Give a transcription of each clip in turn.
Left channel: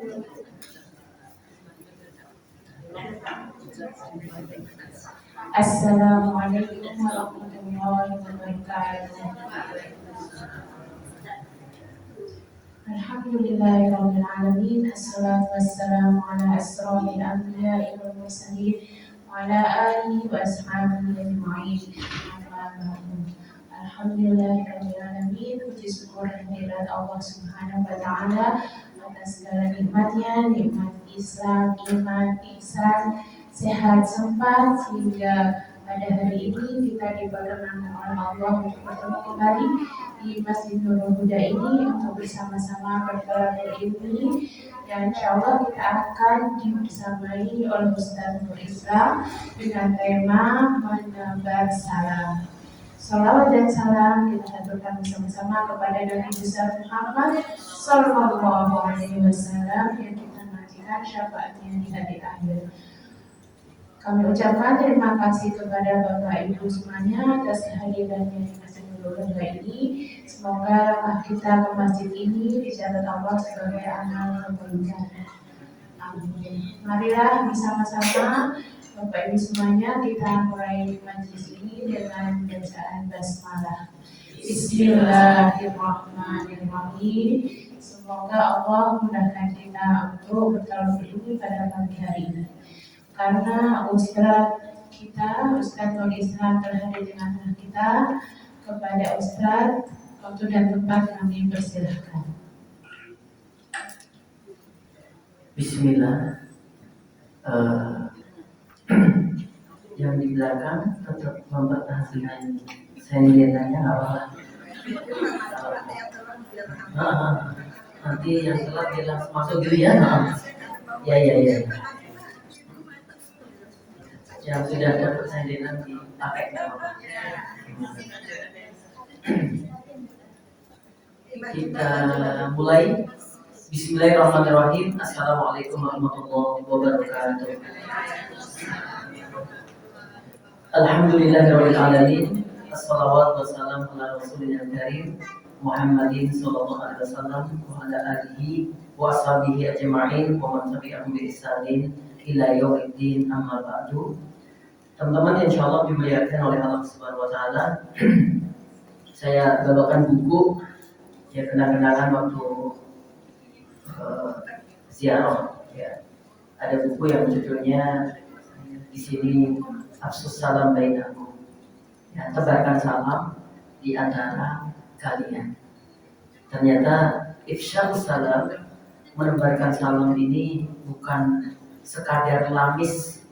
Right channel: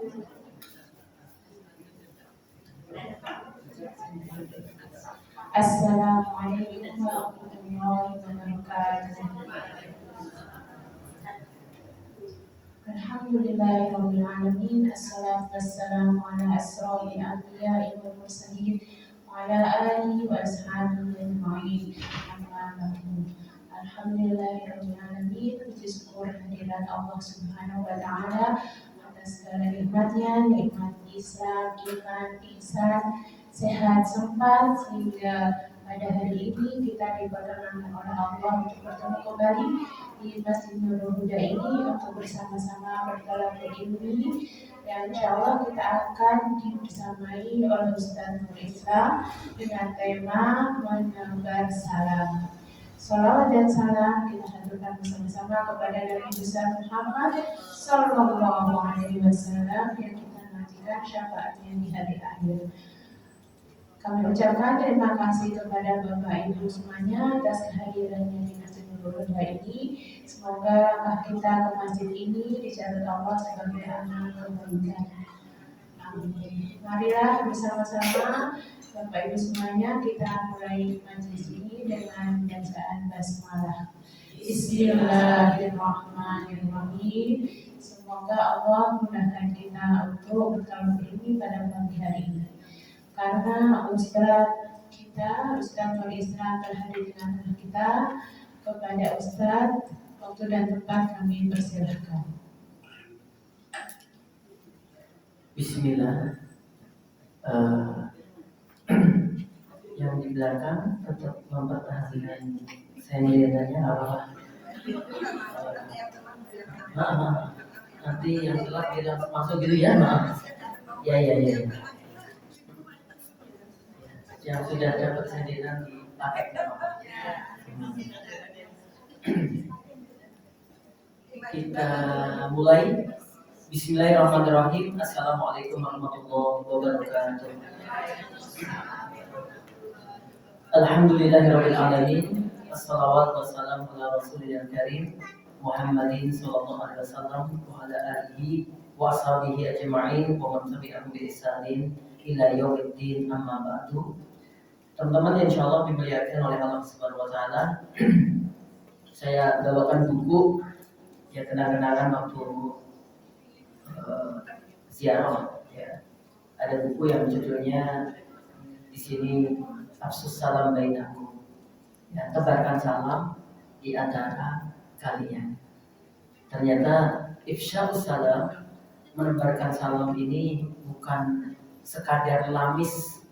Assalamualaikum warahmatullahi wabarakatuh. Alhamdulillahirabbil alamin. Assalatu wassalamu ala asrofil anbiya'i wal mursalin wa ala alihi wa ashabihi ajma'in. Amma ba'du. Alhamdulillahirabbil alamin. Puji syukur kehadirat Allah Subhanahu wa taala atas segala nikmatnya, nikmat Islam, iman, ihsan, sehat, sempat, sehingga pada hari ini kita diperkenankan oleh Allah untuk bertemu kembali di Masjid Nurul Huda ini untuk bersama-sama berdoa berilmi, dan insya Allah kita akan dibersamai oleh Ustaz Nur Islam dengan tema menebar salam. Salawat dan salam kita haturkan bersama-sama kepada Nabi besar Muhammad Sallallahu Alaihi Wasallam yang kita nantikan syafaatnya di hari akhir. Kami ucapkan terima kasih kepada Bapak Ibu semuanya atas kehadirannya di Masjid Nurul Huda ini. Semoga langkah kita ke masjid ini dicatat Allah sebagai amal kebaikan. Amin. Marilah bersama-sama Bapak Ibu semuanya kita mulai majelis ini dengan bacaan basmalah. Bismillahirrahmanirrahim. Semoga Allah mudahkan kita untuk bertauhid ini pada pagi hari ini. Karena Ustadz kita, Ustadz Nur Islam berhadir di tengah kita, kepada Ustadz waktu dan tempat kami persilahkan. Bismillah. Yang di belakang tetap mempertahankan sendirannya, nggak apa-apa. Nanti yang telat bilang masuk dulu ya. Ya. Yang sudah dapat sendiran dipakai nggak apa-apa. Kita mulai. Bismillahirrahmanirrahim. Assalamualaikum warahmatullahi wabarakatuh. Alhamdulillahirabbil alamin. Wassalawatu wassalamu ala rasulil karim Muhammadin sallallahu alaihi wasallam wa ala alihi wa ashabihi ajma'in wa man tabi'ahum bi ihsanin ila yaumiddin, amma ba'du. Teman-teman yang insyaallah dimuliakan oleh Allah Subhanahu wa taala. Saya bawakan buku ya, kenang-kenangan waktu ziarah ya. Ada buku yang judulnya di sini Afsus Salam Bainakum. Ya, tebarkan salam di antara kalian. Ternyata ifsya'us salam, menebarkan salam ini bukan sekadar lamis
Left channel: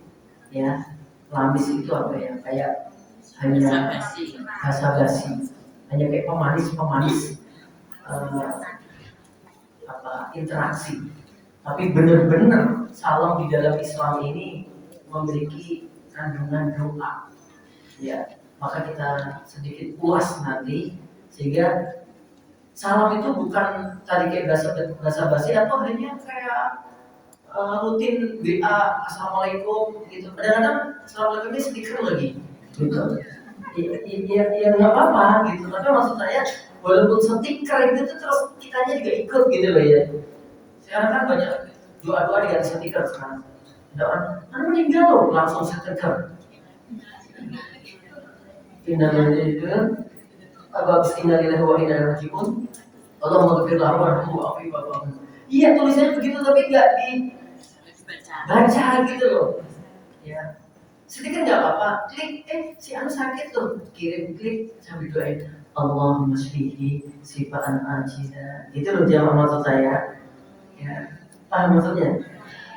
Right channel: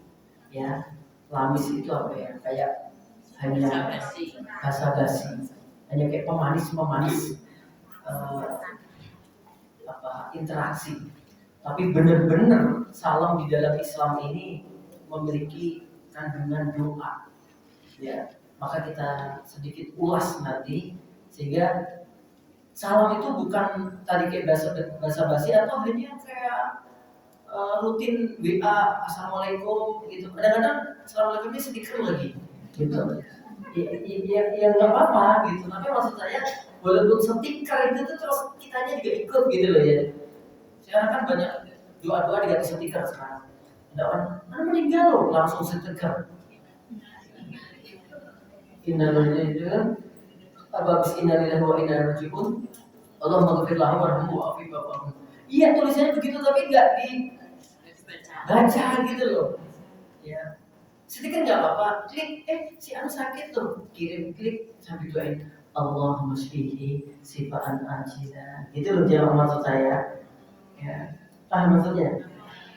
ya. Lamis itu apa ya? Kayak hanya basa-basi, hanya kayak pemanis interaksi. Tapi benar-benar salam di dalam Islam ini memiliki kandungan doa. Ya, maka kita sedikit ulas nanti, sehingga salam itu bukan tadi kayak basa-basi atau hanya kayak rutin WA assalamualaikum gitu. Kadang-kadang assalamualaikum ini stiker lagi gitu. Ya nggak apa-apa gitu. Tapi maksud saya walaupun stiker itu terus kitanya juga ikut gitu loh ya. Sekarang kan banyak doa-doa diganti stiker sekarang. Ada orang mana meninggal loh langsung stiker. Innalillahi wa inna ilaihi raji'un. Allahumma ghfir lahu warhamhu wa'afi wa'fu. Iya, tulisannya begitu tapi enggak dibaca gitu loh. Ya. Stiker enggak apa-apa. Klik, si anu sakit tuh. Kirim klik sambil doain. Allahumma shfihi sifaan ajila. Itu loh jamaah maksud saya. Ya. Paham maksudnya?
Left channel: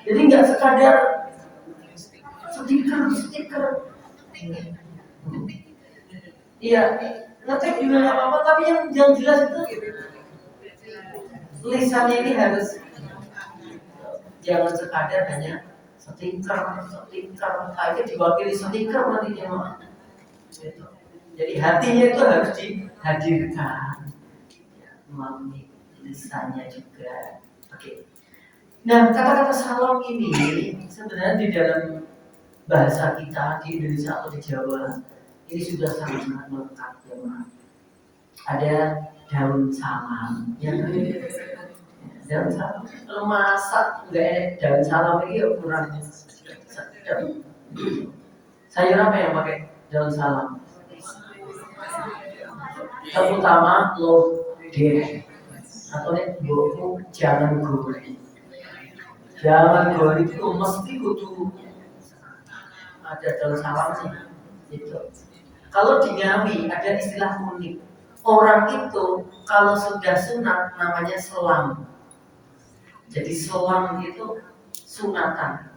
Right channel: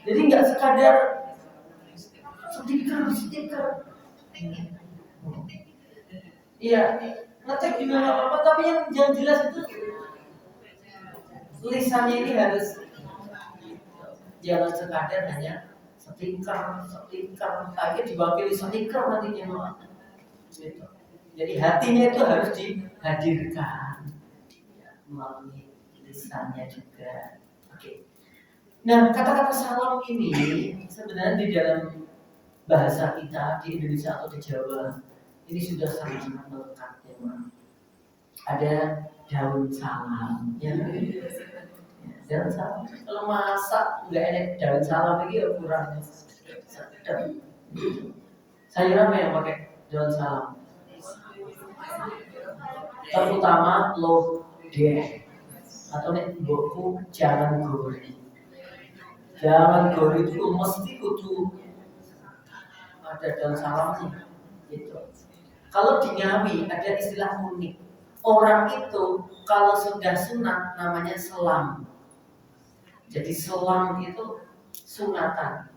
Jadi enggak sekadar stiker. Iya, ngetik juga nggak apa-apa, tapi yang jelas itu tulisannya ini harus jangan sekadar hanya stiker, kayak diwakili stiker nantinya mah. Gitu. Jadi hatinya itu harus dihadirkan melalui tulisannya juga. Oke. Nah, kata-kata salam ini sebenarnya di dalam bahasa kita di Indonesia atau di Jawa ini sudah sangat melekat ya, Ada daun salam ya. daun salam. Kalau masak nggak ada daun salam lagi ya kurang sedap. Sayur apa yang pakai daun salam? Terutama lodeh atau nek mbokku jangan goreng. Jangan goreng itu mesti kudu ada daun salamnya. Itu. Kalau di Ngawi ada istilah unik. Orang itu kalau sudah sunat namanya selam. Jadi selam itu sunatan.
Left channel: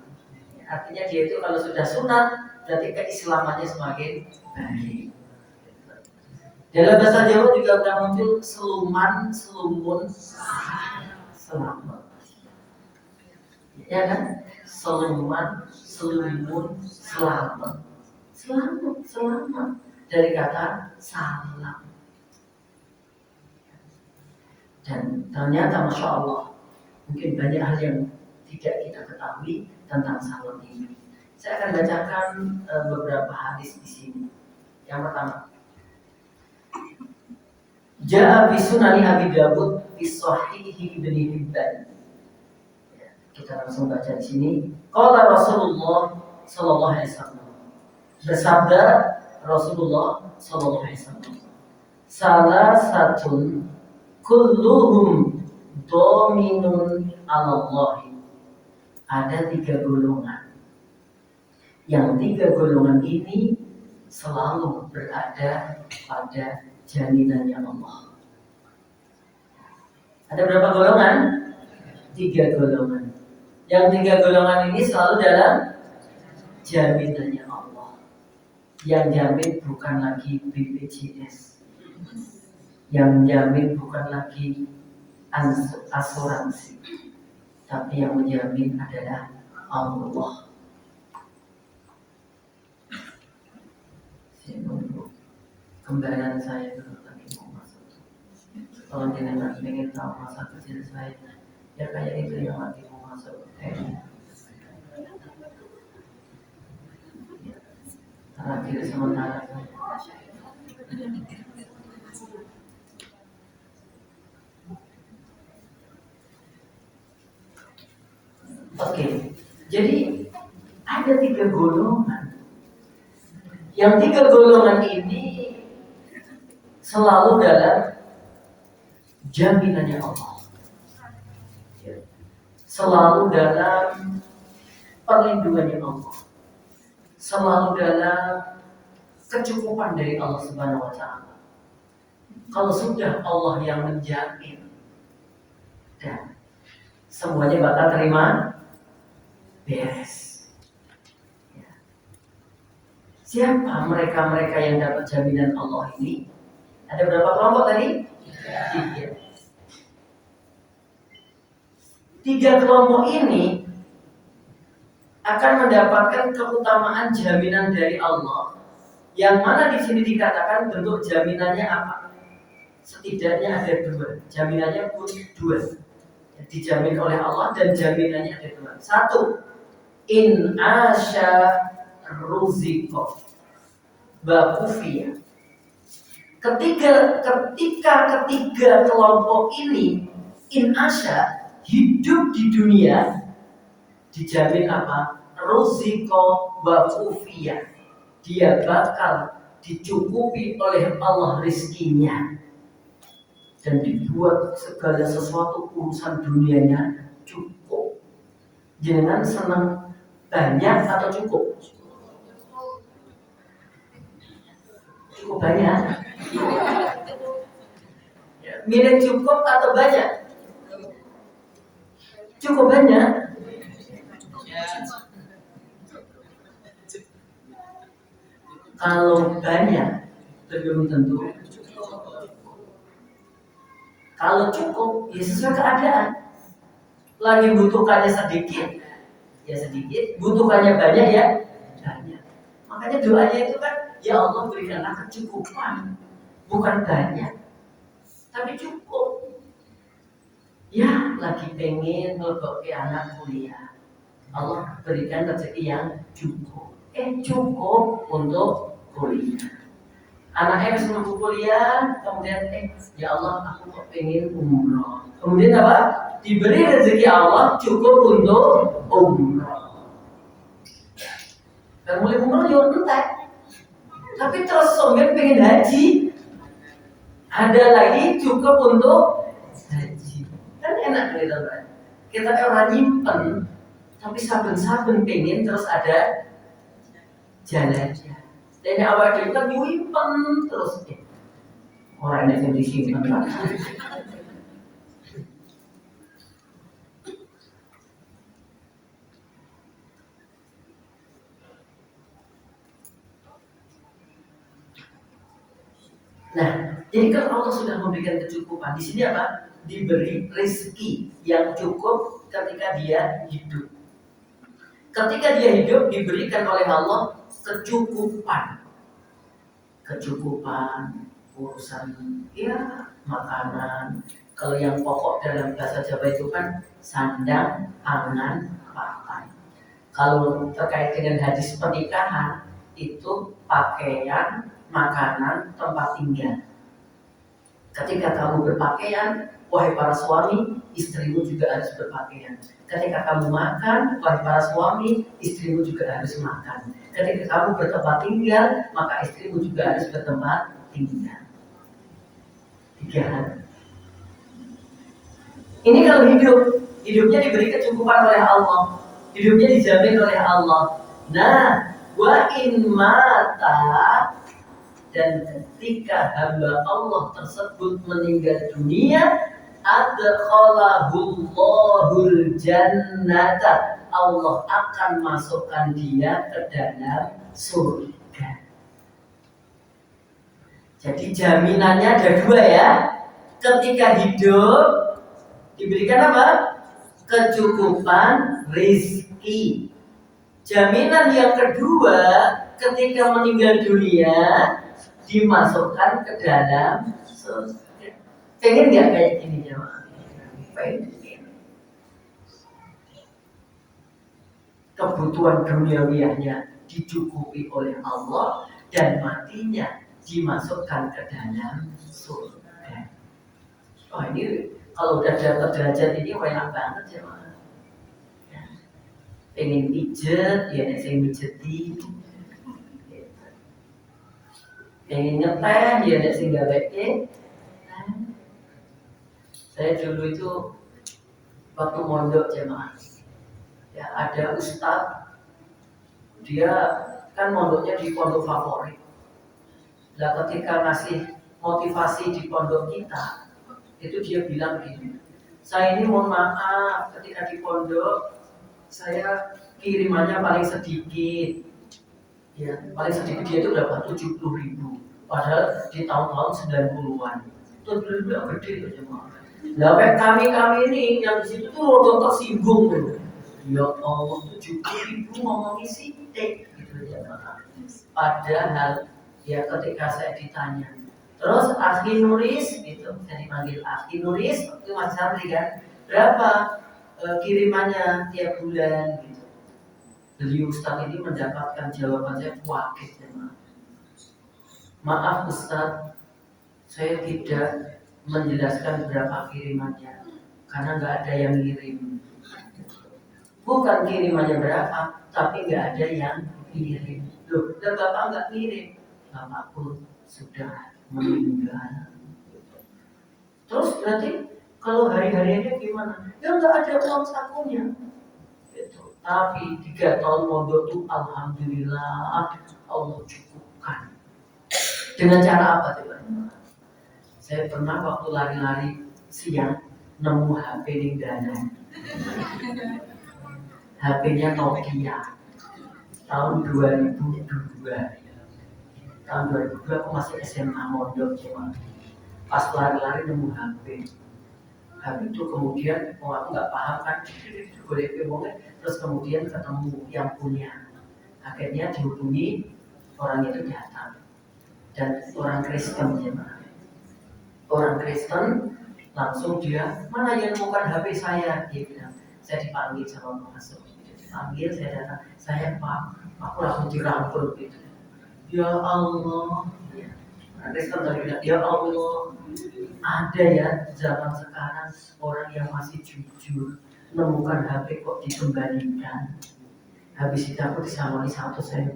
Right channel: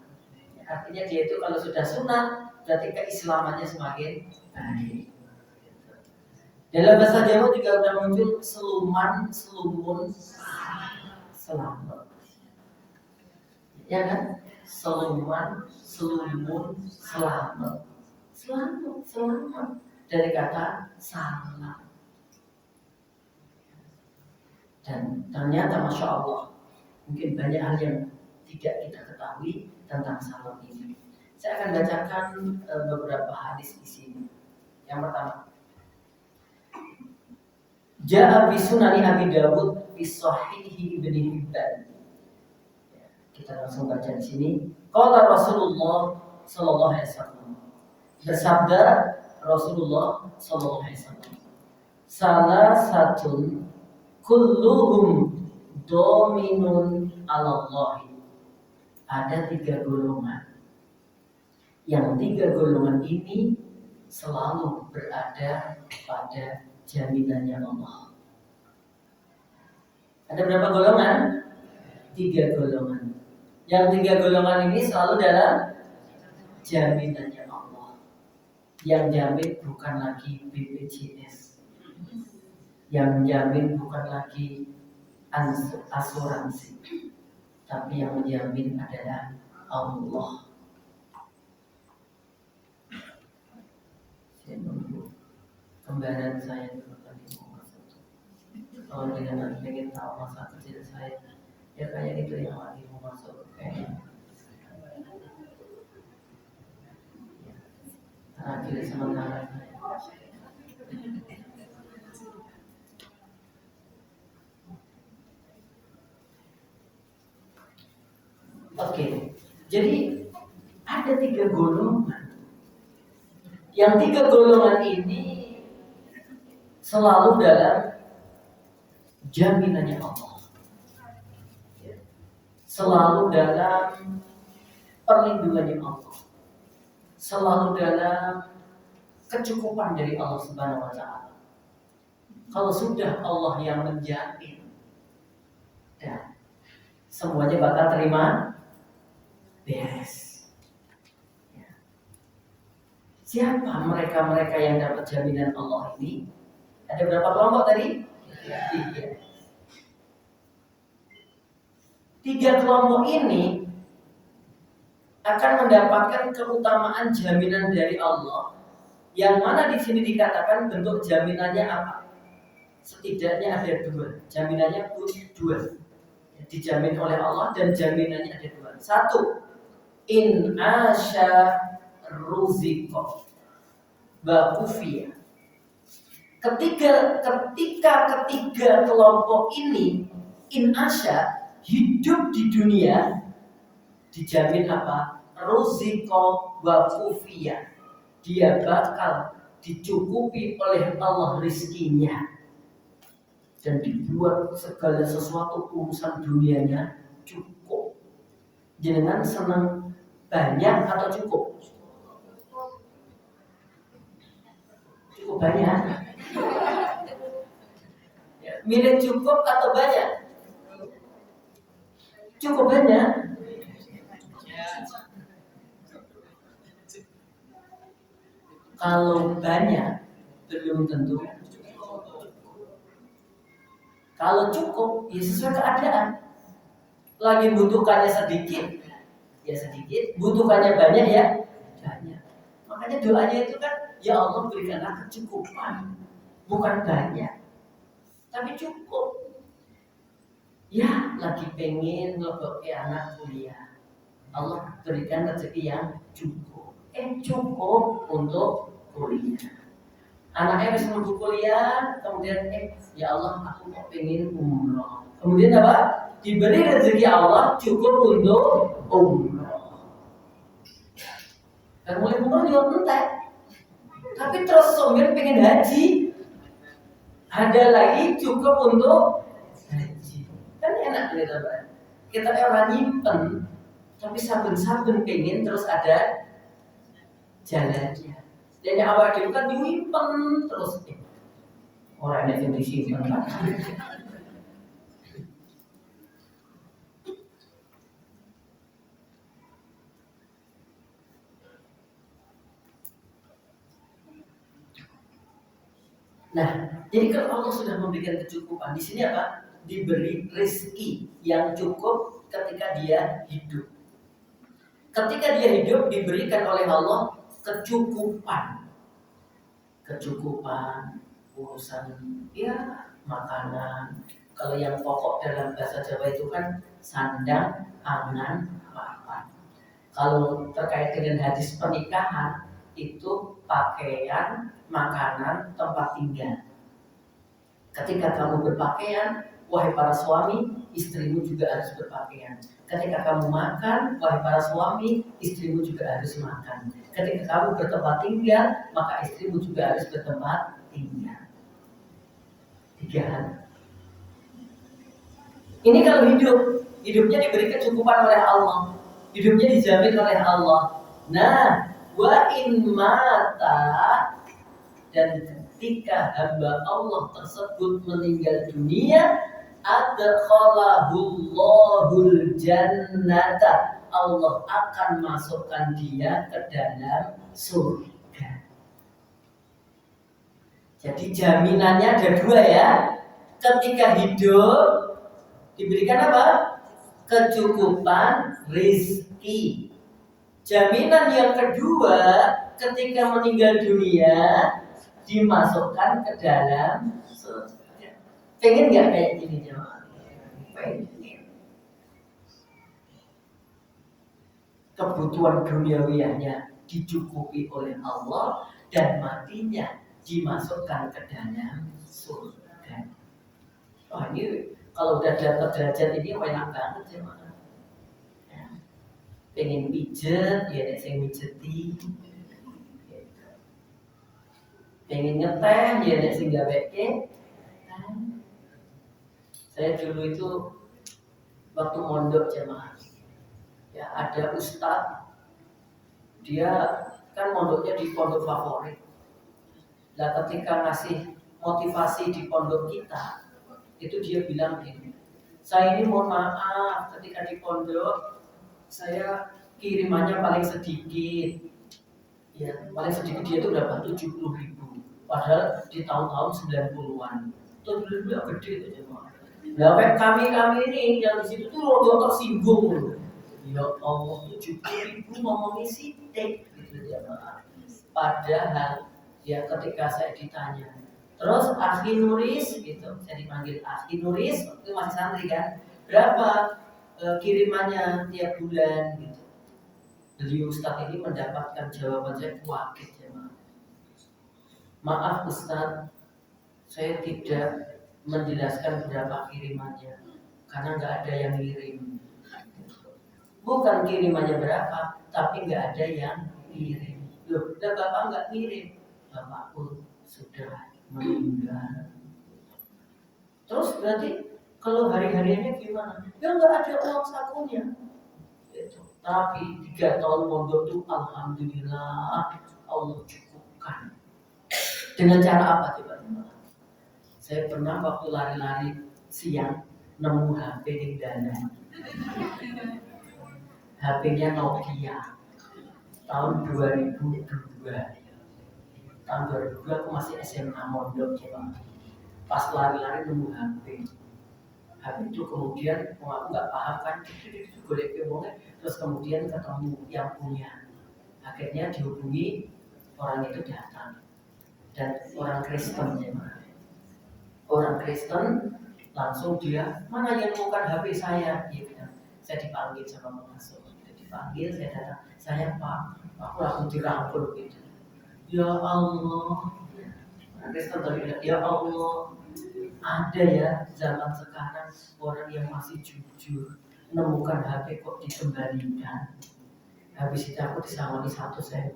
Artinya dia itu kalau sudah sunat berarti keislamannya semakin baik. Dalam bahasa Jawa juga sudah muncul seluman, selumun, selamat. Ya kan? Seluman, selumun, selamat. Selamat dari kata salam. Dan ternyata Masya Allah mungkin banyak hal yang tidak kita ketahui tentang salam ini. Saya akan bacakan beberapa hadis di sini. Yang pertama, Ja'a fi sunani Abi Dawud fi sahihi Ibnu Hibban. Kita langsung baca di sini. Qala Rasulullah sallallahu alaihi wasallam. Bersabda Rasulullah sallallahu alaihi wasallam. Salah satun kulluhum dominun alallahi. Ada 3 golongan. Yang 3 golongan ini selalu berada pada jaminannya Allah. Ada berapa golongan? 3 golongan. Yang 3 golongan ini selalu dalam jaminannya Allah. Yang jamin bukan lagi BPJS. Yang jamin bukan lagi asuransi. Tapi yang menjamin adalah Allah. Saya menunggu kembaran saya lagi mau masuk. Kalau jenengan ingin tahu masa kecil saya, ya kayak itu yang lagi mau masuk. Terakhir sementara saya. Oke, jadi ada 3 golongan. Yang 3 golongan ini selalu dalam jaminannya Allah. Selalu dalam perlindungannya Allah. Selalu dalam kecukupan dari Allah Subhanahu wa taala. Kalau sudah Allah yang menjamin, dan semuanya bakal terima beres. Ya. Siapa mereka-mereka yang dapat jaminan Allah ini? Ada berapa kelompok tadi? 3. 3 kelompok ini akan mendapatkan keutamaan jaminan dari Allah. Yang mana di sini dikatakan bentuk jaminannya apa? Setidaknya ada 2. Jaminannya pun 2. Dijamin oleh Allah dan jaminannya ada 2. 1. In asya ruziko bakufiyah. Ketika ketiga kelompok ini in asya hidup di dunia dijamin apa? Ruziko bakufiyah. Dia bakal dicukupi oleh Allah rizkinya dan dibuat segala sesuatu urusan dunianya cukup. Jangan senang banyak atau cukup? Cukup banyak. Milih cukup atau banyak? Cukup banyak. Kalau banyak belum tentu. Kalau cukup ya sesuai keadaan. Lagi butuhkannya sedikit ya sedikit, butuhkannya banyak ya banyak. Makanya doanya itu kan, ya Allah berikanlah kecukupan, bukan banyak tapi cukup. Ya lagi pengen ngelebok anak kuliah, Allah berikan rezeki yang cukup. Cukup untuk kuliah. Anaknya harus nunggu kuliah, kemudian ya Allah aku mau pengen umroh. Kemudian apa? diberi rezeki Allah cukup untuk umroh. Dan mulai umroh yo entek. Tapi terus sombong pengen haji. Ada lagi cukup untuk haji. Kan enak gitu kan. Kita orang nyimpen tapi saben-saben pengen terus ada jalannya. Dan yang awal itu kan nyimpen terus orang yang disimpan. Nah, jadi kalau Allah sudah memberikan kecukupan, di sini apa? Diberi rezeki yang cukup ketika dia hidup. Ketika dia hidup diberikan oleh Allah kecukupan, urusan ya makanan. Kalau yang pokok dalam bahasa Jawa itu kan sandang, pangan, papan. Kalau terkait dengan hadis pernikahan itu pakaian, makanan, tempat tinggal. Ketika kamu berpakaian, wahai para suami, istrimu juga harus berpakaian. Ketika kamu makan, wahai para suami, istrimu juga harus makan. Ketika kamu bertempat tinggal, maka istrimu juga harus bertempat tinggal. 3 hal. Ini kalau hidupnya diberi kecukupan oleh Allah, hidupnya dijamin oleh Allah. Nah, wa in mata, dan ketika hamba Allah tersebut meninggal dunia, adkhalahullahul jannata, Allah akan masukkan dia ke dalam surga. Jadi jaminannya ada 2 ya. Ketika hidup diberikan apa? Kecukupan rezeki. Jaminan yang kedua, ketika meninggal dunia dimasukkan ke dalam surga. Pengen nggak kayak gini jemaah? Pengen. Kebutuhan duniawianya dicukupi oleh Allah dan matinya dimasukkan ke dalam surga. Oh ini kalau udah dapat derajat ini banyak banget jemaah. Pengen pijet, ya nek sing mijeti. Pengen ngeteh, ya nek sing gaweke. Saya dulu itu waktu mondok jemaah, ya ada ustadz, dia kan mondoknya di pondok favorit. Nah ketika ngasih motivasi di pondok kita, itu dia bilang gini, saya ini mohon maaf ketika di pondok saya kirimannya paling sedikit, ya paling sedikit dia itu dapat 70.000, padahal di tahun-tahun 90-an itu dulu yang gede itu jemaah. Nah, kami ini yang di situ tuh rodo tersinggung tuh. Ya Allah, 70.000 ngomongin sidik gitu jemaah. Padahal ya ketika saya ditanya, terus Akhi Nuris gitu, saya dipanggil Akhi Nuris, itu masih santri kan, berapa kirimannya tiap bulan gitu. Beliau Ustaz ini mendapatkan jawaban saya wakil jemaah. Maaf Ustaz, saya tidak menjelaskan berapa kirimannya karena nggak ada yang ngirim. Bukan kirimannya berapa, tapi nggak ada yang kirim. Loh, dan bapak nggak kirim, bapak pun sudah meninggal. Terus berarti kalau hari-harinya gimana? Ya nggak ada uang sakunya. Gitu. Tapi 3 tahun mondok itu alhamdulillah Allah cukupkan. Dengan cara apa coba? Saya pernah waktu lari-lari siang nemu HP di dalam. HP-nya Nokia tahun 2002. Tahun 2002 aku masih SMA mondok cuma. Pas lari-lari nemu HP. HP itu kemudian aku nggak paham kan, golek ngomongnya. Terus kemudian ketemu yang punya. Akhirnya dihubungi, orang itu datang dan orang Kristen jemaah. Orang Kristen langsung dia, mana yang nemukan HP saya? Dia bilang, saya dipanggil sama pengasuh. Dipanggil, saya datang, saya Pak, aku langsung dirangkul gitu. Ya Allah, orang Kristen tadi bilang, ya Allah, Ada ya zaman sekarang orang yang masih jujur menemukan HP kok dikembalikan. Habis itu aku disamani 1.000.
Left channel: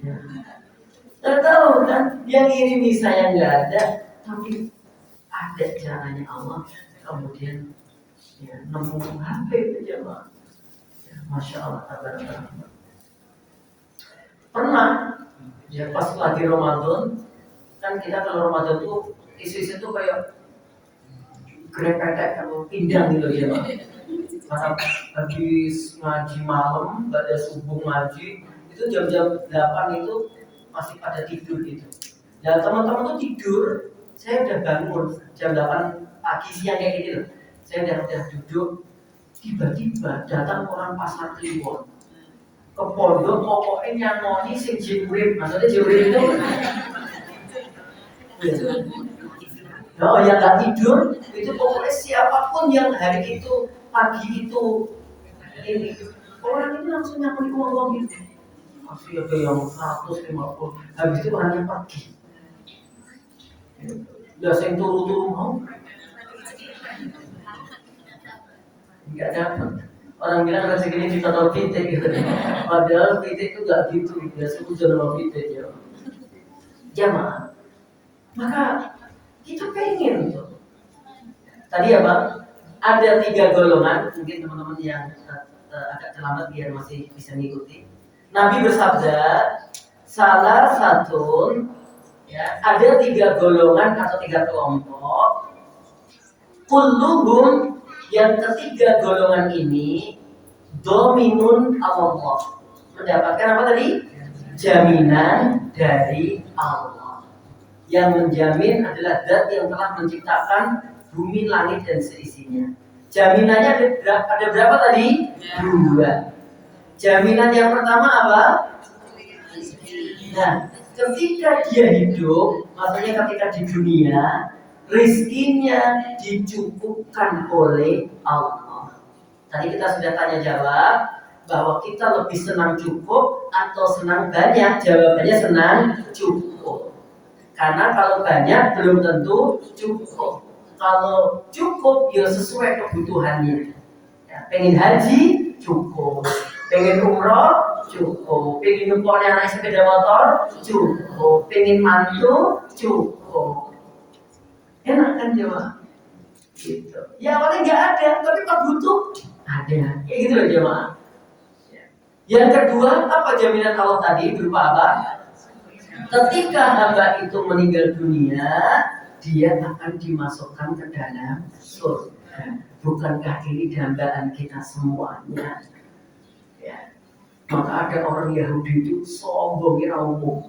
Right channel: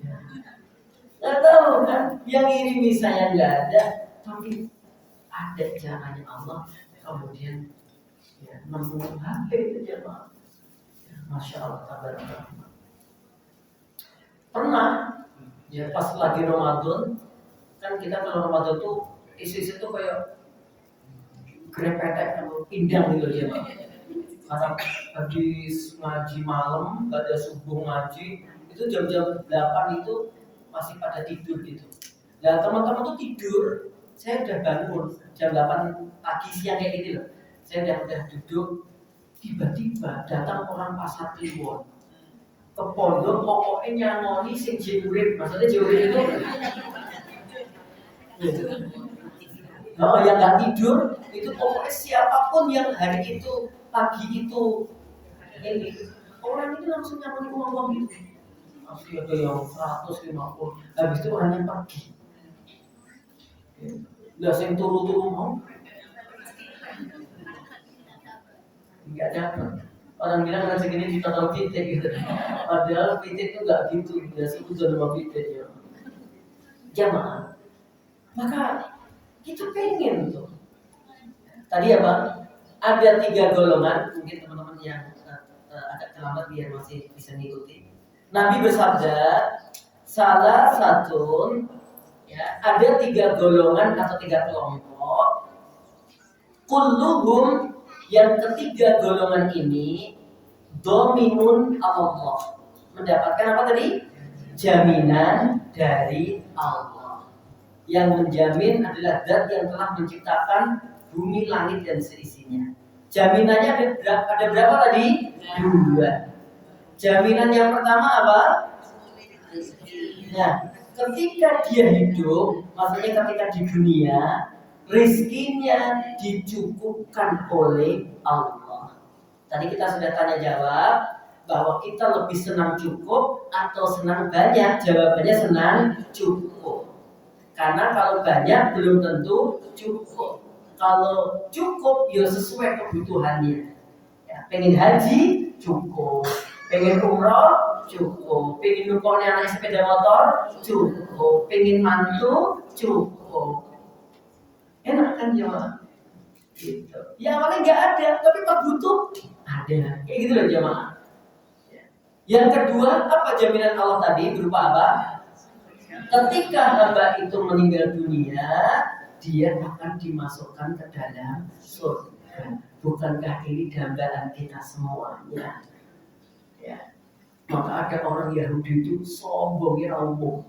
Ya. Nggak tahu kan, yang ini saya nggak ada, tapi ada caranya Allah. Kemudian ya, nemu HP itu jemaah. Ya, Masya Allah, tabarakallah. Pernah ya pas lagi Ramadan, kan kita kalau Ramadan tuh isu-isu tuh kayak grepek atau pindang gitu ya Pak. Karena habis ngaji malam, pada subuh ngaji, itu jam-jam 8 itu masih pada tidur gitu. Dan teman-teman tuh tidur, saya udah bangun jam 8 pagi siang kayak gitu loh. Saya udah duduk, tiba-tiba datang orang pasar Kliwon ke pondok, pokoknya nyangoni sing jiurip, maksudnya jiurip itu oh yang nggak tidur itu pokoknya siapapun yang hari itu pagi itu ini orang itu langsung nyangoni ngomong gitu. Masih ada yang 150, habis itu orangnya pergi. Udah saya turu-turu mau nggak dapat. Orang bilang rezeki ini ditaruh pitik gitu. Padahal pitik itu nggak gitu, ya sebut nama pitik ya. Jamaah, maka kita pengen tuh. Tadi apa? Ada 3 golongan, mungkin teman-teman yang agak terlambat biar masih bisa ngikuti. Nabi bersabda, salah satu ya, ada 3 golongan atau 3 kelompok. Kulluhum, yang ketiga golongan ini dominun Allah, mendapatkan apa tadi? Jaminan dari Allah. Yang menjamin adalah zat yang telah menciptakan bumi, langit dan seisinya. Jaminannya ada berapa tadi? 2. Jaminan yang pertama apa? Nah, ketika dia hidup, maksudnya ketika di dunia, rizkinya dicukupkan oleh Allah. Tadi kita sudah tanya jawab bahwa kita lebih senang cukup atau senang banyak. Jawabannya senang cukup. Karena kalau banyak belum tentu cukup. Kalau cukup ya sesuai kebutuhannya. Ya, pengen haji cukup, pengen umroh cukup, pengen numpuknya naik sepeda motor cukup, pengen mantu cukup. Enak kan jemaah? Gitu. Ya paling nggak ada, tapi pas butuh ada. Kayak gitu loh jemaah. Yang kedua, apa jaminan Allah tadi berupa apa? Ketika hamba itu meninggal dunia, dia akan dimasukkan ke dalam surga. Bukankah ini dambaan kita semuanya? Ya. Maka ada orang Yahudi itu sombongnya umum.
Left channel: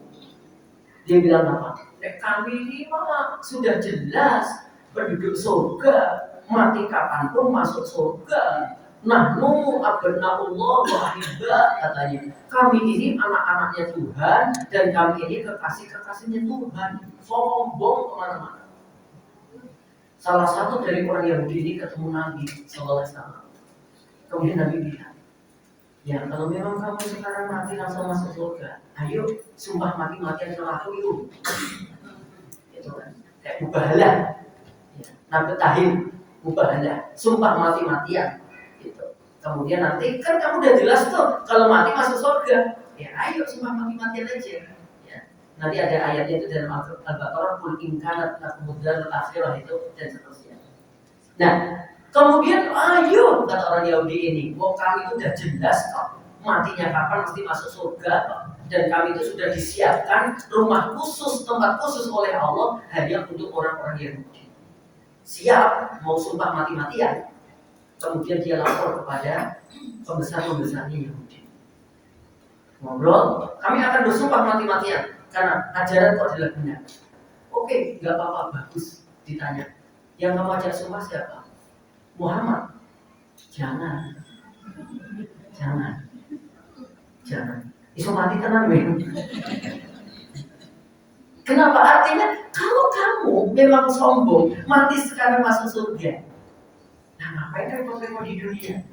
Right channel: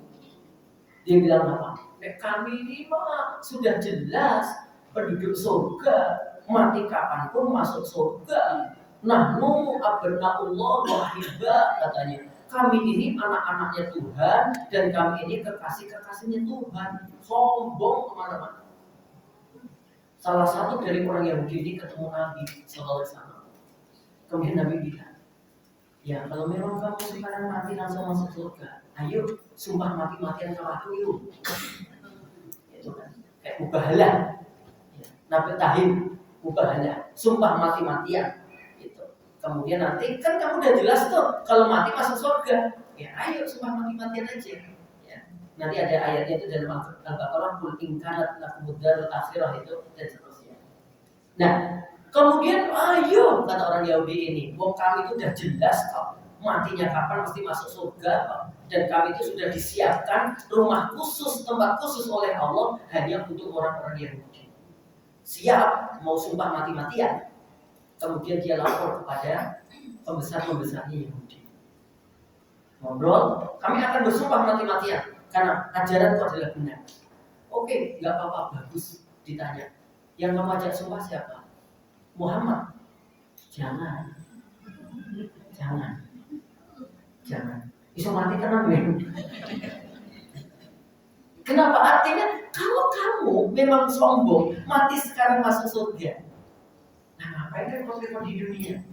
Dia bilang apa? Kami ini mah sudah jelas penduduk surga, mati kapanpun masuk surga. Nahnu abna'ullah wa ahibba, katanya. Kami ini anak-anaknya Tuhan dan kami ini kekasih-kekasihnya Tuhan. Sombong kemana-mana. Salah satu dari orang Yahudi ini ketemu Nabi sallallahu alaihi wasallam. Kemudian Nabi bilang, ya kalau memang kamu sekarang mati langsung masuk surga, ayo sumpah mati-matian sama aku yuk. Itu kan kayak mubahalah. Ya, Nabi tahim mubahalah, sumpah mati-matian. Gitu. Kemudian nanti kan kamu udah jelas tuh kalau mati masuk surga. Ya ayo sumpah mati-matian aja. Nanti ada ayatnya itu dalam Al-Baqarah, kul in kanat lakum darul akhirah itu dan seterusnya. Nah, kemudian ayo kata orang Yahudi ini, wong kami itu udah jelas kok matinya kapan mesti masuk surga kok. Dan kami itu sudah disiapkan rumah khusus, tempat khusus oleh Allah hanya untuk orang-orang Yahudi. Siap mau sumpah mati-matian. Kemudian dia lapor kepada pembesar-pembesarnya Yahudi. Ngobrol, kami akan bersumpah mati-matian karena ajaranku adalah benar. Oke, nggak apa-apa, bagus. Ditanya, yang kamu ajak sumpah siapa? Muhammad. Jangan. Iso mati tenan men. Kenapa? Artinya kalau kamu memang sombong, mati sekarang masuk surga. Nah, ngapain repot-repot di dunia?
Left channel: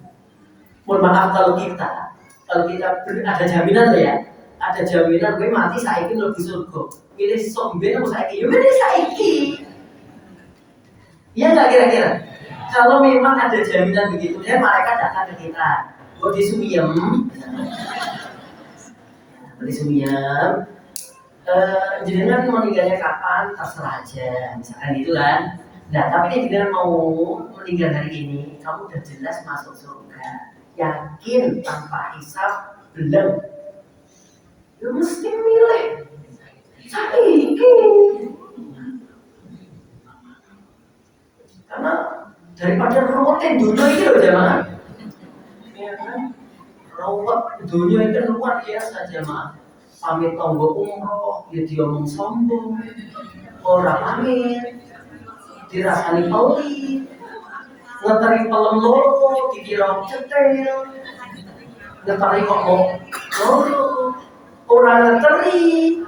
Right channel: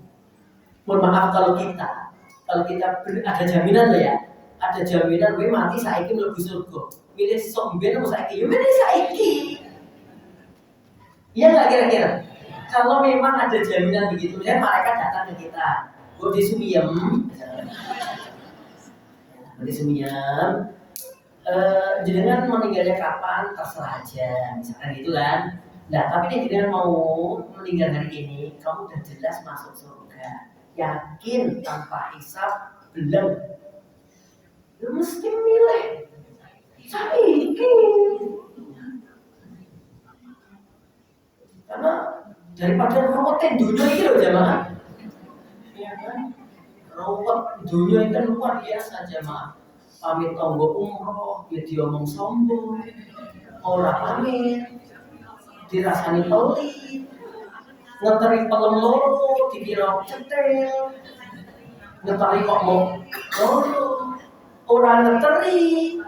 Mohon maaf kalau kita ada jaminan loh ya. ada jaminan gue mati saiki mlebu surga. Milih sok mben apa saiki? Ya milih saiki. Iya nggak kira-kira? Kalau memang ada jaminan begitu, ya malaikat datang ke kita. Kok disumiem? Disumiem. Jenengan meninggalnya kapan? Terserah aja, misalkan gitu kan. Nah, tapi ini jenengan mau meninggal hari ini, kamu udah jelas masuk surga, yakin tanpa hisab, belum? Lu mesti milih. Saiki. Karena daripada ruwetin dunia ini loh jamaah. Ya kan? Ruwet dunia itu luar biasa jamaah. Pamit tonggo umroh, ya diomong sombong, ora pamit, dirasani pelit, ngeteri pelem loro, dikira cetel, ngeteri kok mau loro, ora ngeteri.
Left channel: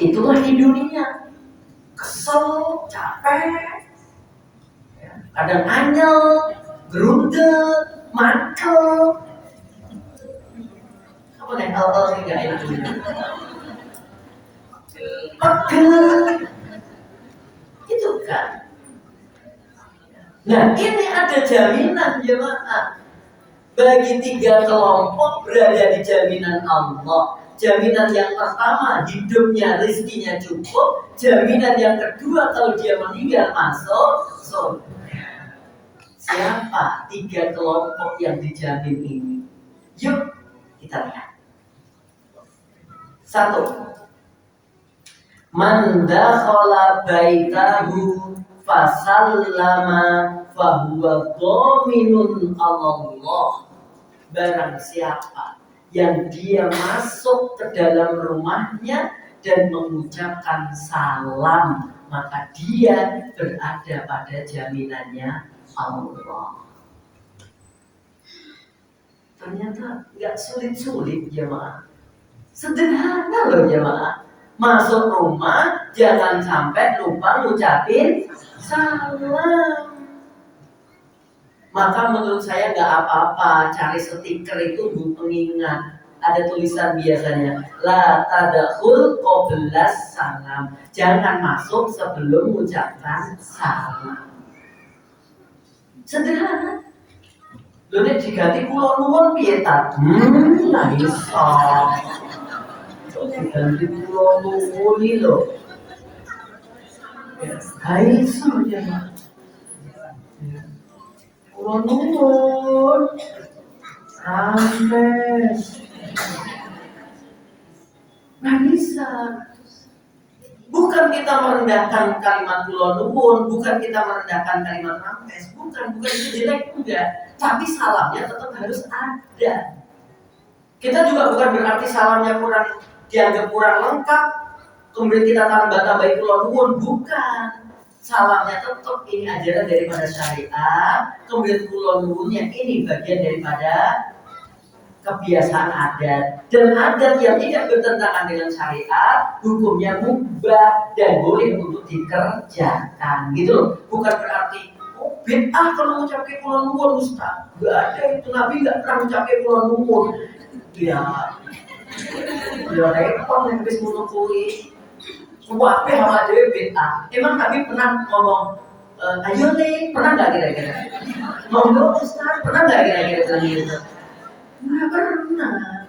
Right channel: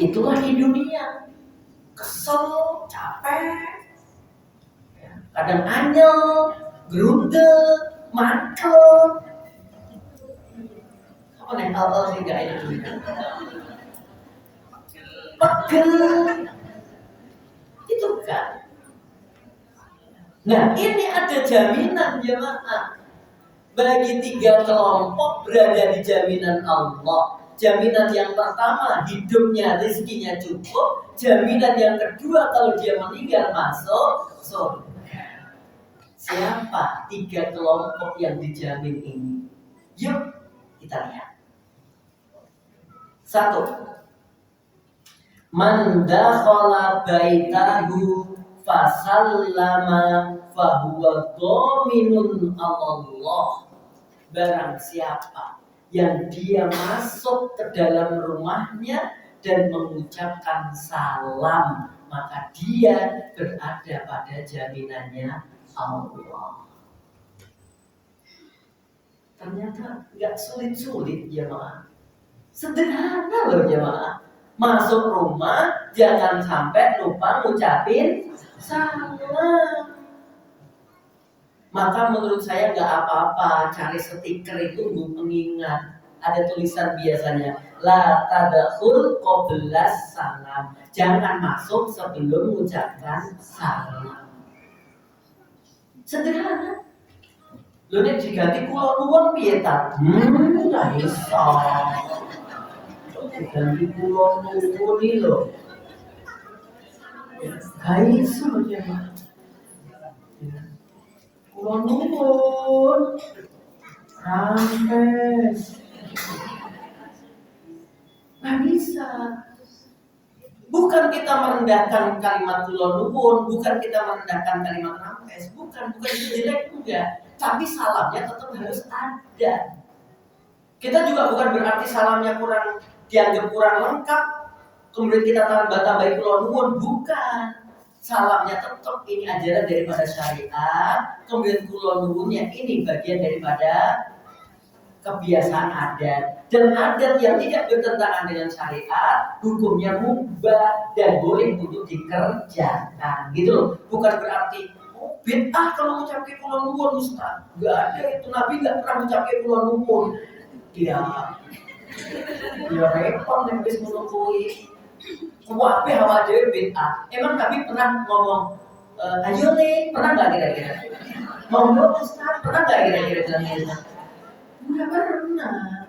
Itulah di dunia, kesel, capek, kadang anyel, gerundel, mantel. Apa nih hal-hal sih gak enak juga? Pegel, itu kan. Nah ini ada jaminan jemaah. Bagi 3 kelompok berada di jaminan Allah. Jaminan yang pertama hidupnya, rezekinya cukup. Jaminan yang kedua kalau dia meninggal masuk surga. Siapa 3 kelompok yang dijamin ini? Yuk kita lihat. 1. Man dakhala baitahu fasallama fahuwa dhaminun Allah. Barang siapa yang dia masuk ke dalam rumahnya dan mengucapkan salam, maka dia berada pada jaminannya Allah. Ternyata nggak sulit-sulit jemaah, sederhana loh jemaah. Masuk rumah jangan sampai lupa ngucapin salam. Maka menurut saya nggak apa-apa cari stiker itu untuk pengingat. Ada tulisan biasanya la tadkhul qablas salam. Jangan masuk sebelum mengucapkan salam. Sederhana. Lho nek diganti kula nuwun piye ta? Lah iso. Diganti kula nuwun iki lho. Ha iso ya. Nuwun rampes nggak bisa. Bukan kita merendahkan kalimat nuwun, bukan kita merendahkan kalimat rampes, bukan itu jelek enggak, tapi salamnya tetap harus ada. Kita juga bukan berarti salamnya kurang, dianggap kurang lengkap kemudian kita tambah-tambahin nuwun, bukan. Salamnya tetap ini ajaran daripada syariat, kemudian kulon nuwunnya ini bagian daripada kebiasaan adat. Dan adat yang tidak bertentangan dengan syariat, hukumnya mubah dan boleh untuk dikerjakan, gitu loh. Bukan berarti bid'ah kalau mengucapkan kulon nuwun Ustaz. Gak ada itu, Nabi gak pernah mengucapkan kulon nuwun. Ya repot nih habis menungguin. Wabe hawa dewe bid'ah. Emang kami pernah ngomong, ayo nih, pernah nggak kira-kira? Monggo Ustaz, pernah nggak kira-kira bilang gitu? Nggak pernah.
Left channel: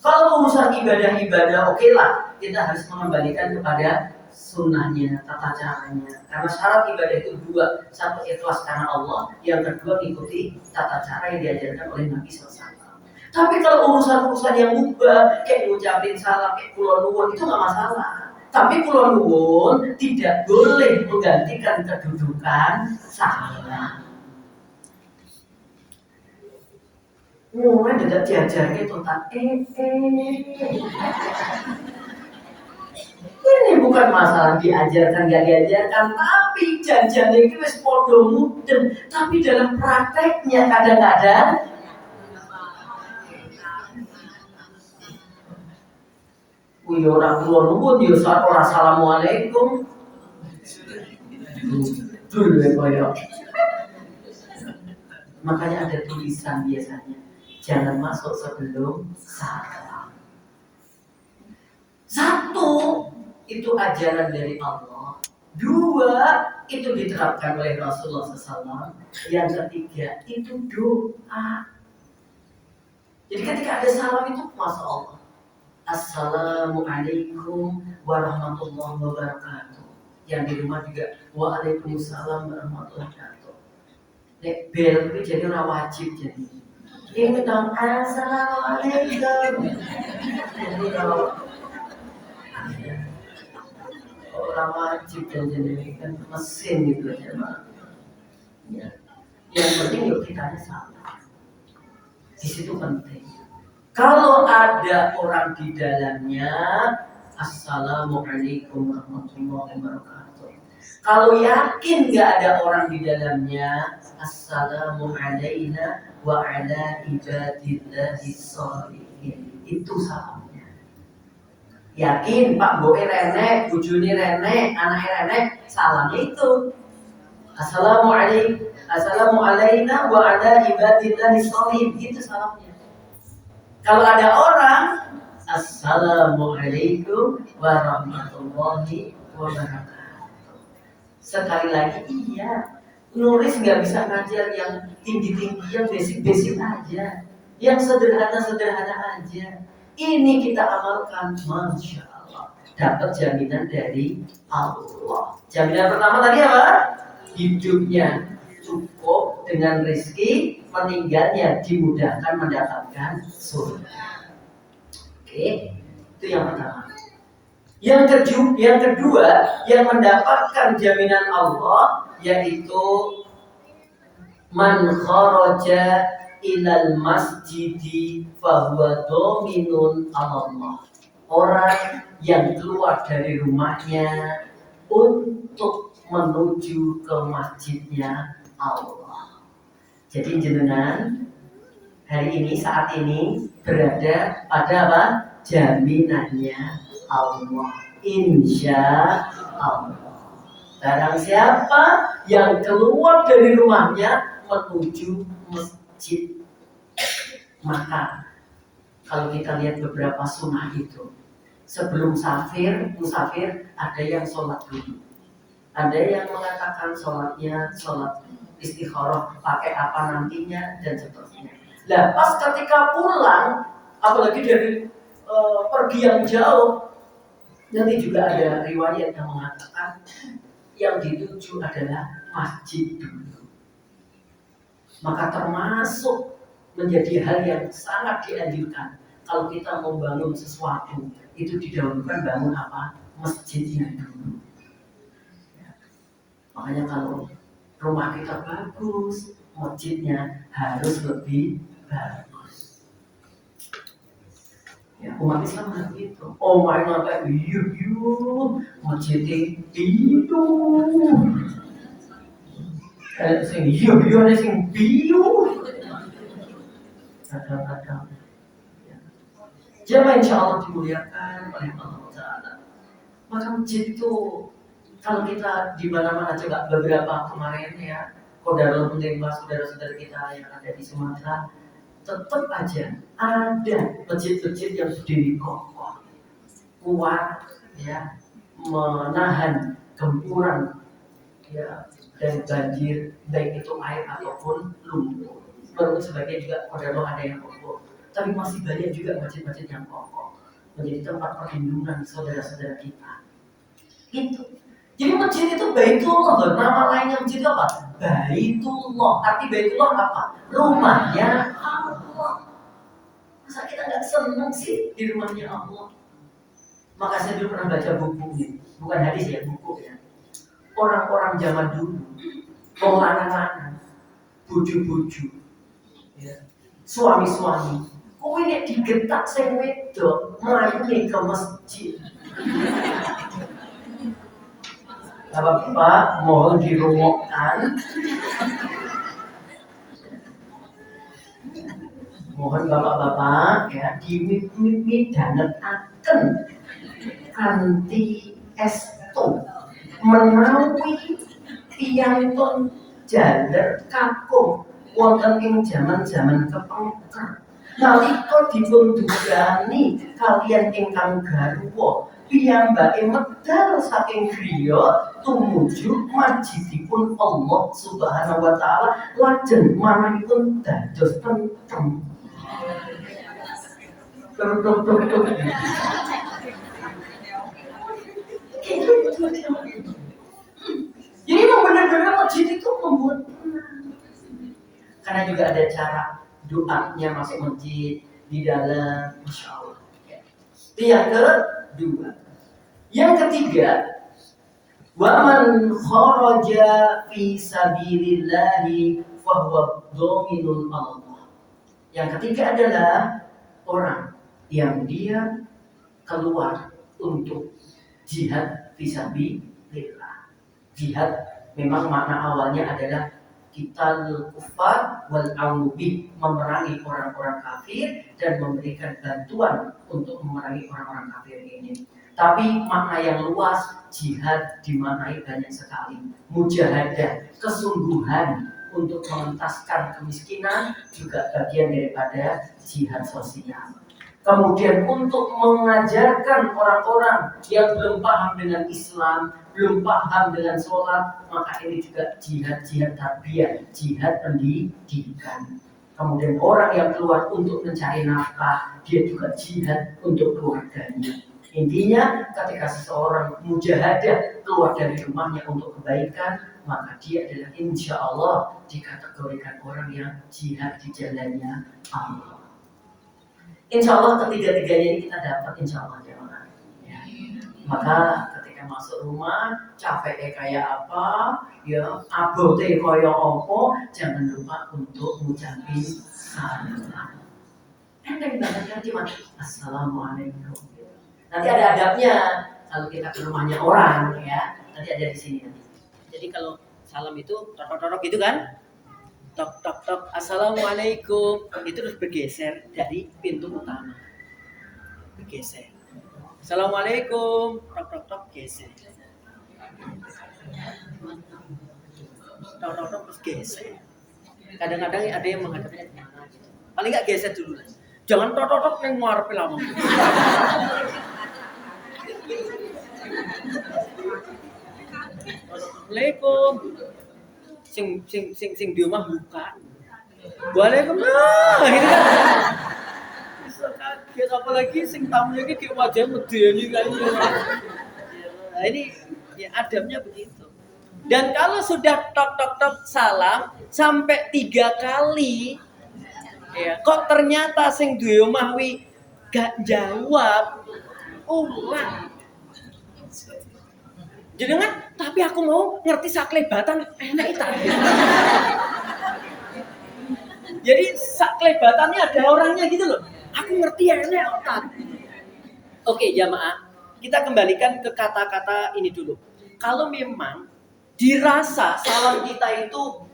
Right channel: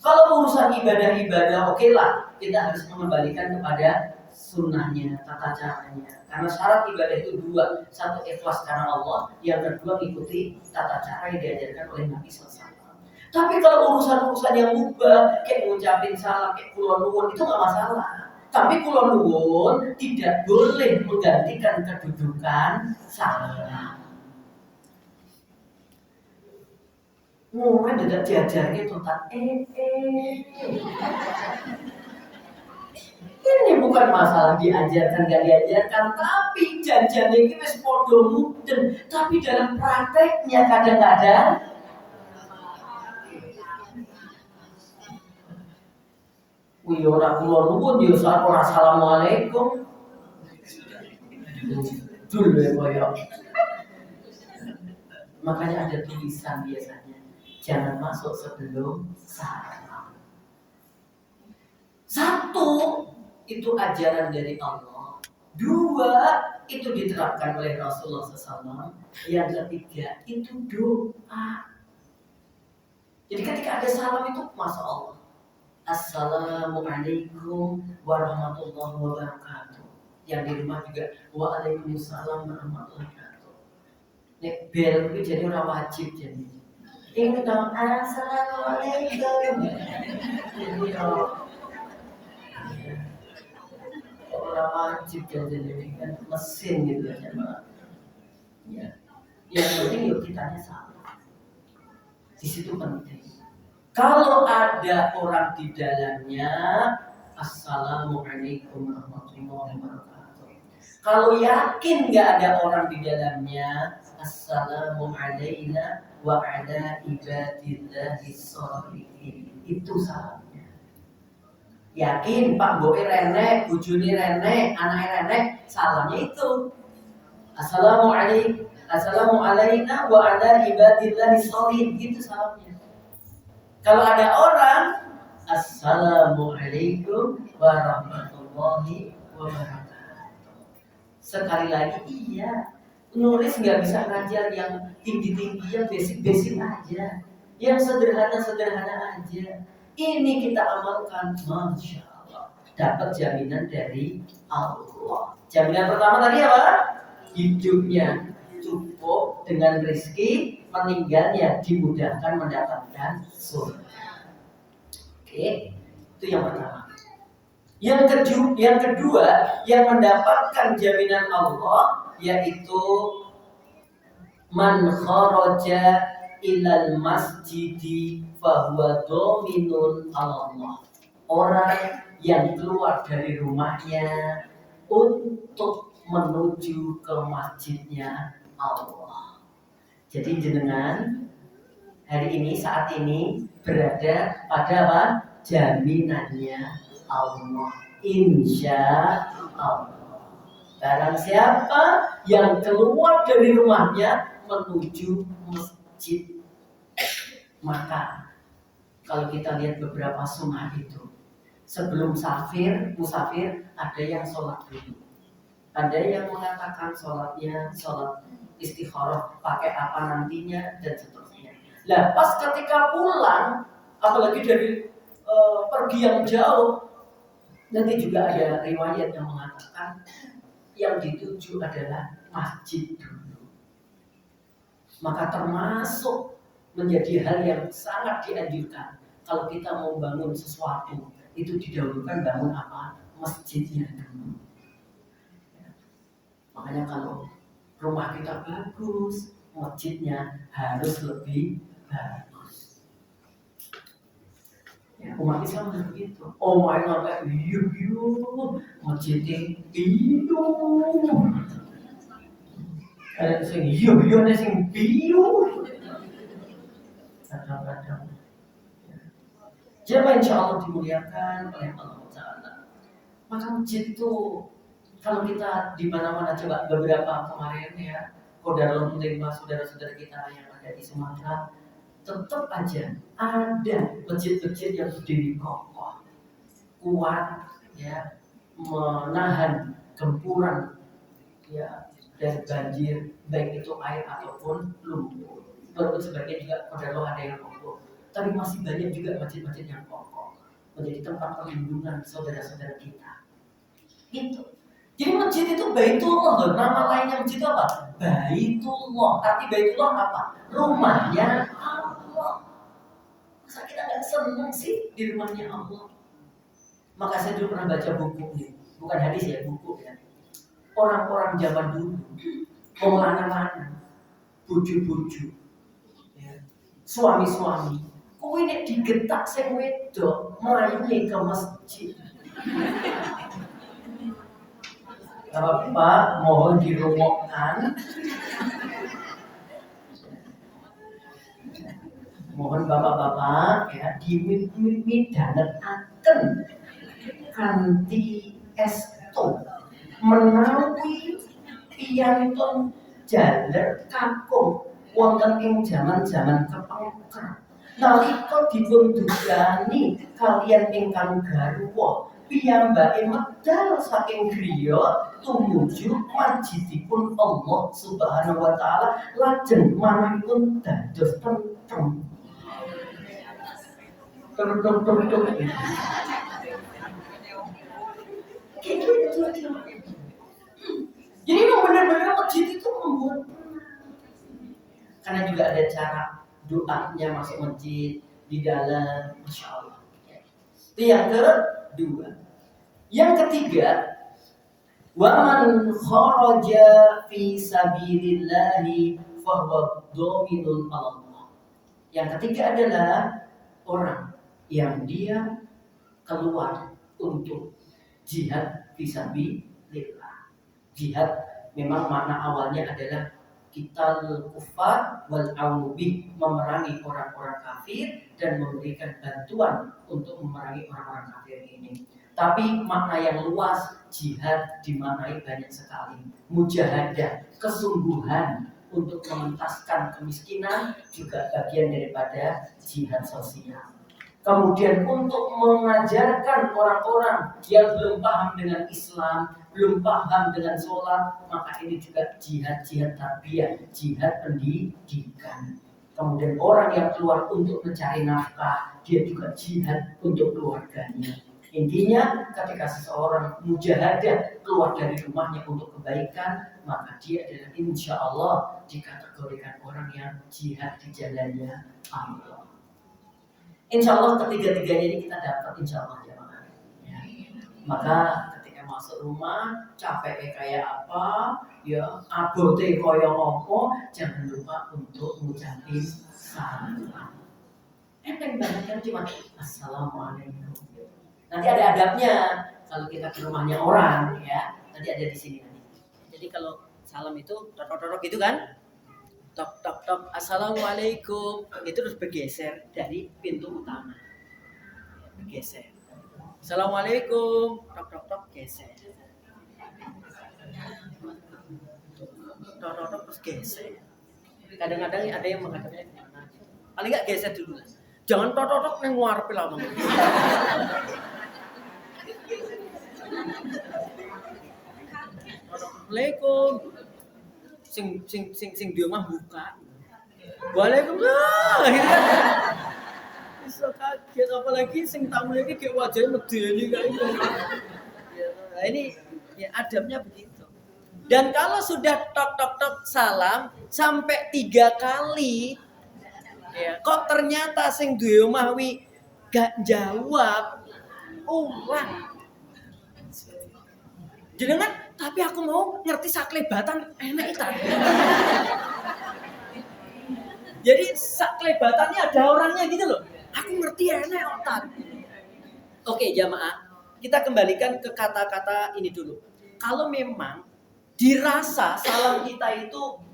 Kalau urusan ibadah-ibadah, oke lah, kita harus mengembalikan kepada sunnahnya, tata caranya. Karena syarat ibadah itu 2, 1 ikhlas karena Allah, yang kedua ikuti tata cara yang diajarkan oleh Nabi SAW. Tapi kalau urusan-urusan yang mubah, kayak ngucapin salam, kayak kulon nuwun, itu nggak masalah. Tapi kulon nuwun tidak boleh menggantikan kedudukan salam. Mulai dekat jajarnya tuntas Ini bukan masalah diajarkan gak diajarkan, tapi janjian ini wis podo mudeng. Tapi dalam prakteknya kadang-kadang orang kulon nuwun yo ora assalamualaikum. Dul ya koyo. Makanya ada tulisan biasanya, jangan masuk sebelum salam. Satu, itu ajaran dari Allah. Dua, itu diterapkan oleh Rasulullah SAW. Yang ketiga, itu doa. Jadi ketika ada salam itu, Masya Allah, Assalamualaikum warahmatullahi wabarakatuh. Yang di rumah juga, Waalaikumsalam warahmatullahi wabarakatuh. Nek bel itu jadi orang wajib jadi. Ini dong, Assalamualaikum. Jadi orang wajib dan jadi kan mesin gitu aja Pak. Ya. Yang penting yuk kita salah. Di situ penting. Kalau ada orang di dalamnya, Assalamualaikum warahmatullahi wabarakatuh. Kalau yakin nggak ada orang di dalamnya, Assalamualaikum wa ala ibadillahi sholihin. Itu salamnya. Yakin Pak Boe renek, bujuni renek, anak renek, salamnya itu. Assalamualaikum wa ala ibadillahi sholihin. Itu salamnya. Kalau ada orang, Assalamualaikum warahmatullahi wabarakatuh. Sekali lagi, iya. Nulis nggak bisa ngajar yang tinggi-tinggi, yang basic-basic aja. Yang sederhana-sederhana aja. Ini kita amalkan, Masya Allah. Dapat jaminan dari Allah. Jaminan pertama tadi apa? Hidupnya cukup dengan rezeki, meninggalnya dimudahkan mendapatkan surga. Oke, itu yang pertama. Yang kedua, yang mendapatkan jaminan Allah yaitu man kharaja ilal masjidi fahuwa dominun Allah. Orang yang keluar dari rumahnya untuk menuju ke masjidnya Allah. Jadi jenengan hari ini, saat ini berada pada apa? Jaminannya Allah. Insya Allah. Barang siapa yang keluar dari rumahnya menuju masjid, maka kalau kita lihat beberapa sunnah itu, sebelum musafir ada yang sholat dulu. Ada yang mengatakan sholatnya sholat istikharah, pakai apa nantinya dan seterusnya. Lah pas ketika pulang, apalagi dari pergi yang jauh, nanti juga ada riwayat yang mengatakan yang dituju adalah masjid dulu. Maka termasuk menjadi hal yang sangat dianjurkan kalau kita mau bangun sesuatu itu didahulukan bangun apa? Masjidnya dulu. Makanya kalau rumah kita bagus, masjidnya harus lebih bagus. Ya, umat Islam harus gitu. Oh my God, masjidnya itu. Sing iyo nih sing biu. Kadang-kadang. Jemaah insya Allah dimuliakan oleh Allah Taala. Maka masjid itu, kalau kita di mana-mana coba beberapa kemarin ya, Qadarul Mutimah saudara-saudara kita yang ada di Sumatera, tetap aja ada masjid-masjid yang berdiri kokoh, kuat, ya, menahan gempuran, ya, dan banjir, baik itu air ataupun lumpur. Baru sebagian juga Qadarul ada yang kokoh, tapi masih banyak juga masjid-masjid yang kokoh, menjadi tempat perlindungan saudara-saudara kita. Gitu. Jadi masjid itu Baitullah, nama lainnya masjid itu apa? Baitullah. Arti Baitullah apa? Rumahnya Allah. Masa kita nggak seneng sih di rumahnya Allah? Maka saya dulu pernah baca buku, bukan hadis ya, buku ya. Orang-orang zaman dulu, mau lanang-lanang, buju-buju, ya, suami-suami, kok ini digetak sing wedok, melayu ke masjid. Bapak mohon dirumokkan. Mohon bapak-bapak ya midhanetaken kanthi estu menawi piyantun jaler kakung wonten ing jaman-jaman kepengker. Nalika dipun dugani kaliyan ingkang garwa, piyambake medal saking griya tumuju majidipun Allah Subhanahu wa taala lajeng manahipun dados tentrem. Jadi memang benar-benar masjid itu membuat tenang. Karena juga ada cara doanya masuk masjid di dalam, masya Allah. Itu yang kedua. Yang ketiga, waman kharaja fi sabilillahi fahuwa dhaminun Allah. Yang ketiga adalah orang yang dia keluar untuk jihad fisabilillah. Jihad memang makna awalnya adalah qital kufar wal aunubih, memerangi orang-orang kafir dan memberikan bantuan untuk memerangi orang-orang kafir ini. Tapi makna yang luas jihad dimaknai banyak sekali. Mujahadah, kesungguhan untuk mengentaskan kemiskinan juga bagian daripada jihad sosial. Kemudian untuk mengajarkan orang-orang yang belum paham dengan Islam, belum paham dengan sholat, maka ini juga jihad tarbiyah, jihad pendidikan. Kemudian orang yang keluar untuk mencari nafkah, dia juga jihad untuk keluarganya. Intinya ketika seseorang mujahadah keluar dari rumahnya untuk kebaikan, maka dia adalah insya Allah dikategorikan orang yang jihad di jalannya Allah. Insya Allah ketiga-tiganya ini kita dapat insya Allah ya. Maka ketika masuk rumah capeknya kayak apa, ya abote kaya apa, jangan lupa untuk ngucapin salam. Enteng banget kan cuma assalamualaikum. Nanti ada adabnya kalau kita ke rumahnya orang ya. Nanti ada di sini. Jadi kalau salam itu tok-tok gitu kan? Tok assalamualaikum, itu terus bergeser dari pintu utama, bergeser. Assalamualaikum, tok geser. Tok terus geser. Kadang-kadang ada yang menghadapnya kemana gitu. Paling nggak geser dulu lah. Jangan tok yang ngarep lama. Assalamualaikum. Sing di rumah buka. Waalaikumsalam. Gitu kan. Bisa kaget apalagi sing tamu iki kayak wajah medeni kan. Nah, ini ya adabnya begitu. Dan kalau sudah tok salam sampai 3 kali ya, kok ternyata sing di rumah wi gak jawab, ulang. Jenengan, tapi aku mau ngerti saklebatan enak itu. Jadi saklebatannya ada orangnya gitu loh. Aku ngerti enak otak. Oke jamaah, kita kembalikan ke kata-kata ini dulu. Kalau memang dirasa salam kita itu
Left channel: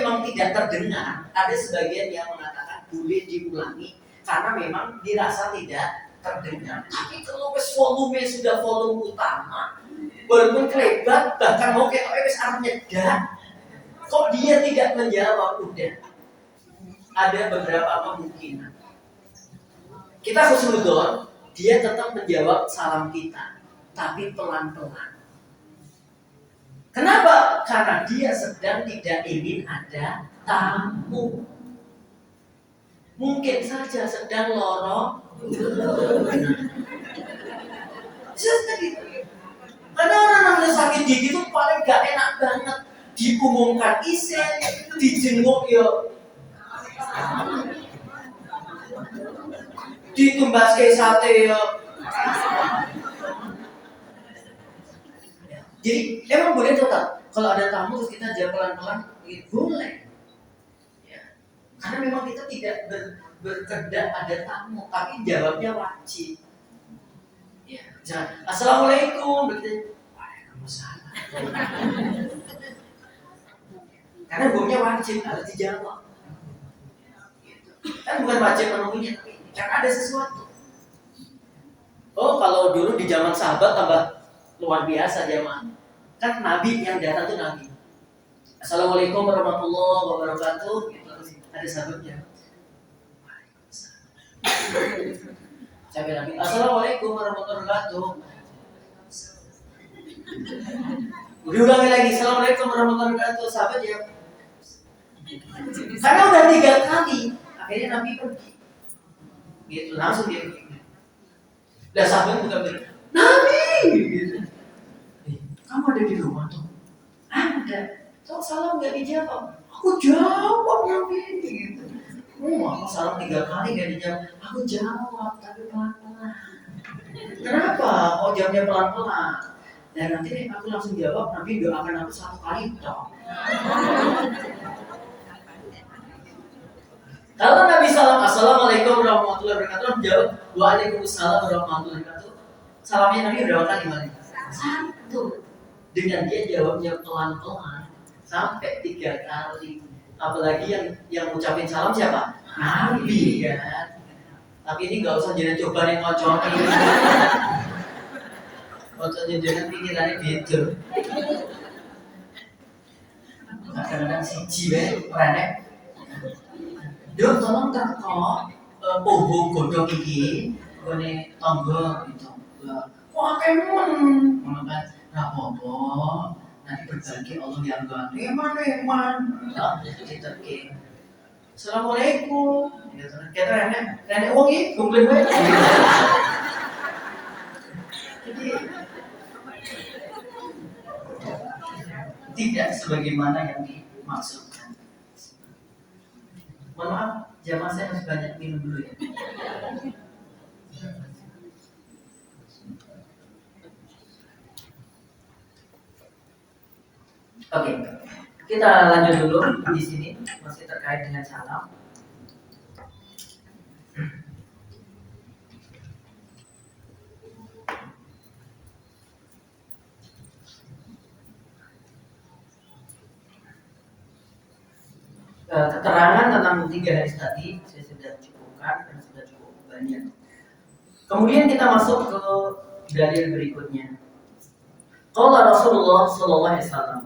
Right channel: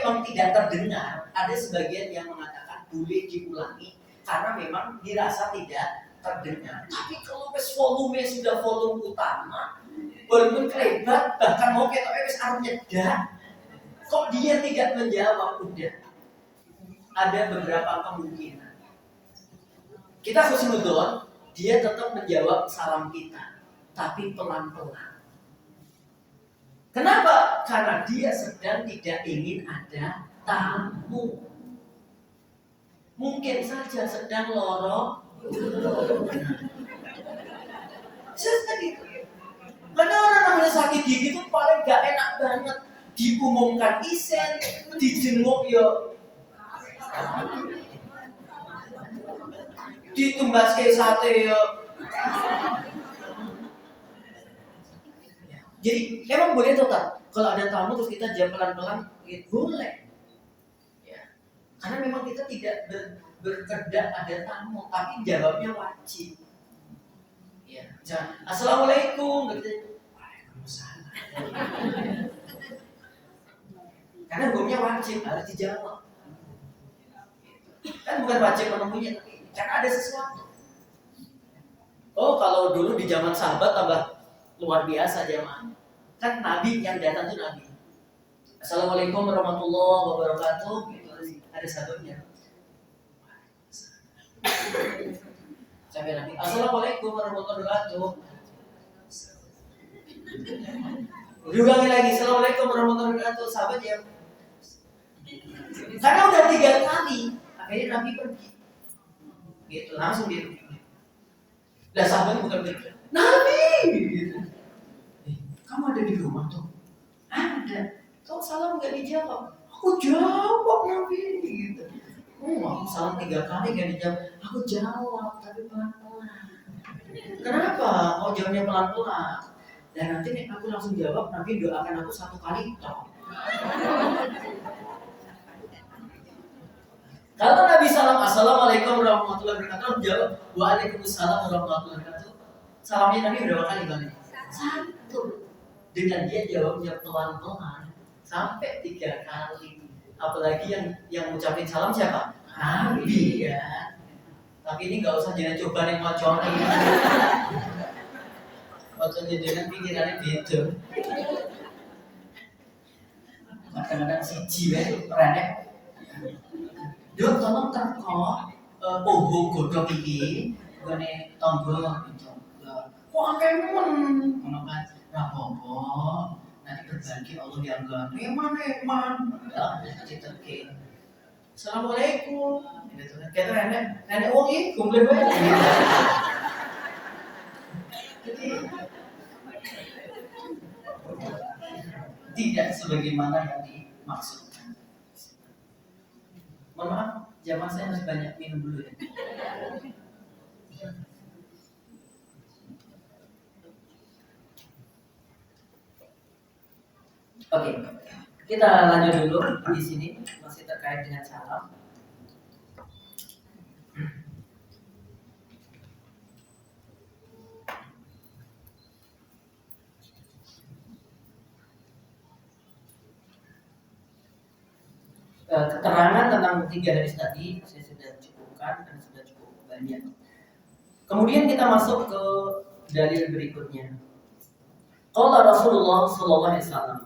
memang tidak terdengar, ada sebagian yang mengatakan boleh diulangi karena memang dirasa tidak terdengar. Tapi kalau volume sudah volume utama, walaupun kelebat, bahkan mau ketok wis arep nyedak, kok dia tidak menjawab, udah ada beberapa kemungkinan. Kita husnudon, dia tetap menjawab salam kita, tapi pelan-pelan. Kenapa? Karena dia sedang tidak ingin ada tamu. Mungkin saja sedang lorong. Gitu. Karena orang namanya sakit gigi itu paling gak enak banget. Diumumkan isen, dijenguk yo, ditumbas ke sate yo. Jadi emang boleh tetap kalau ada tamu terus kita jawab pelan-pelan, boleh. Ya. Karena memang kita tidak berkehendak ada tamu, tapi jawabnya wajib. Ya, jangan assalamualaikum, begitu. Waalaikumsalam. Karena hukumnya wajib harus dijawab. Kan bukan wajib menemuinya, tapi karena ada sesuatu. Oh, kalau dulu di zaman sahabat tambah luar biasa jemaah. Kan Nabi yang datang tuh Nabi. Assalamualaikum warahmatullahi wabarakatuh. Gitu. Ada sababnya. Sampai Nabi, Assalamualaikum warahmatullahi wabarakatuh. Diulangi lagi, Assalamualaikum warahmatullahi wabarakatuh. Sahabat ya. Karena udah 3 kali, akhirnya Nabi pergi. Gitu, langsung dia pergi. Dan sahabat bukan pergi. Nabi! Gitu. Kamu ada di rumah tuh? Ada. Kok salam gak dijawab? Aku jawab Nabi. Gitu. Aku salam 3 kali gak dijawab. Aku jawab, tapi pelan-pelan. Kenapa? Oh jawabnya pelan-pelan. Dan nanti nih aku langsung jawab, Nabi doakan aku 1 kali toh. Kalau Nabi salam Assalamualaikum warahmatullahi wabarakatuh, jawab Waalaikumsalam warahmatullahi wabarakatuh. Salamnya Nabi berapa kali balik? 1. Dengan dia jawabnya pelan-pelan sampai 3 kali. Apalagi yang ngucapin salam siapa? Nabi kan. Tapi ini nggak usah jadi coba nih kocok ini. Kocoknya dengan pikirannya beda. Kadang-kadang siji renek. Dok tolong teko poho godhong iki gone tangga gitu. Kok akeh men ngono kan. Ra apa-apa. Nanti berbagi Allah yang gak eman. Ya, diteke. Assalamualaikum. Gitu. Kita renek wong iki gombleng wae. Jadi tidak sebagaimana yang dimaksudkan. Mohon maaf, jamaah saya harus banyak minum dulu ya. Oke, kita lanjut dulu di sini masih terkait dengan salam. Keterangan tentang 3 hadis tadi saya sudah cukupkan dan sudah cukup banyak. Kemudian kita masuk ke dalil berikutnya. Qala Rasulullah sallallahu alaihi wasallam,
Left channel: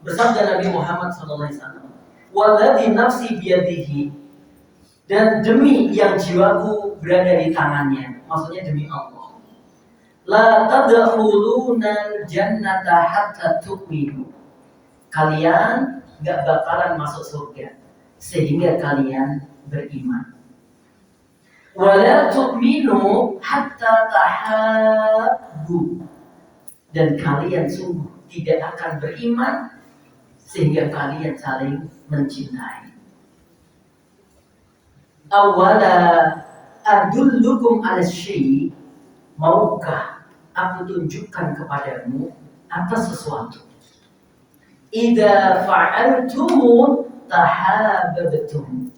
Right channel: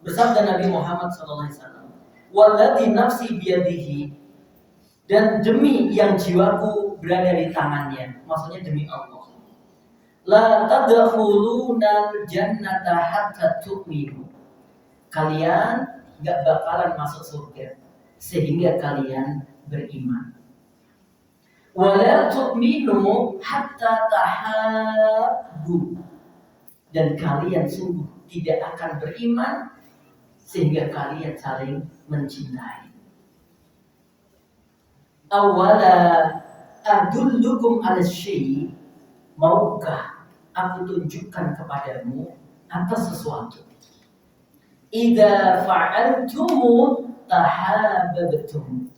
bersabda Nabi Muhammad sallallahu alaihi wasallam, "Walladzi nafsi biyadihi," dan demi yang jiwaku berada di tangannya, maksudnya demi Allah. La tadkhuluna jannata hatta tu'minu. Kalian gak bakalan masuk surga sehingga kalian beriman. Wala tu'minu hatta tahabbu. Dan kalian sungguh tidak akan beriman sehingga kalian saling mencintai. Awala adullukum ala syai', maukah aku tunjukkan kepadamu atas sesuatu? Idza fa'altum tahabbtum.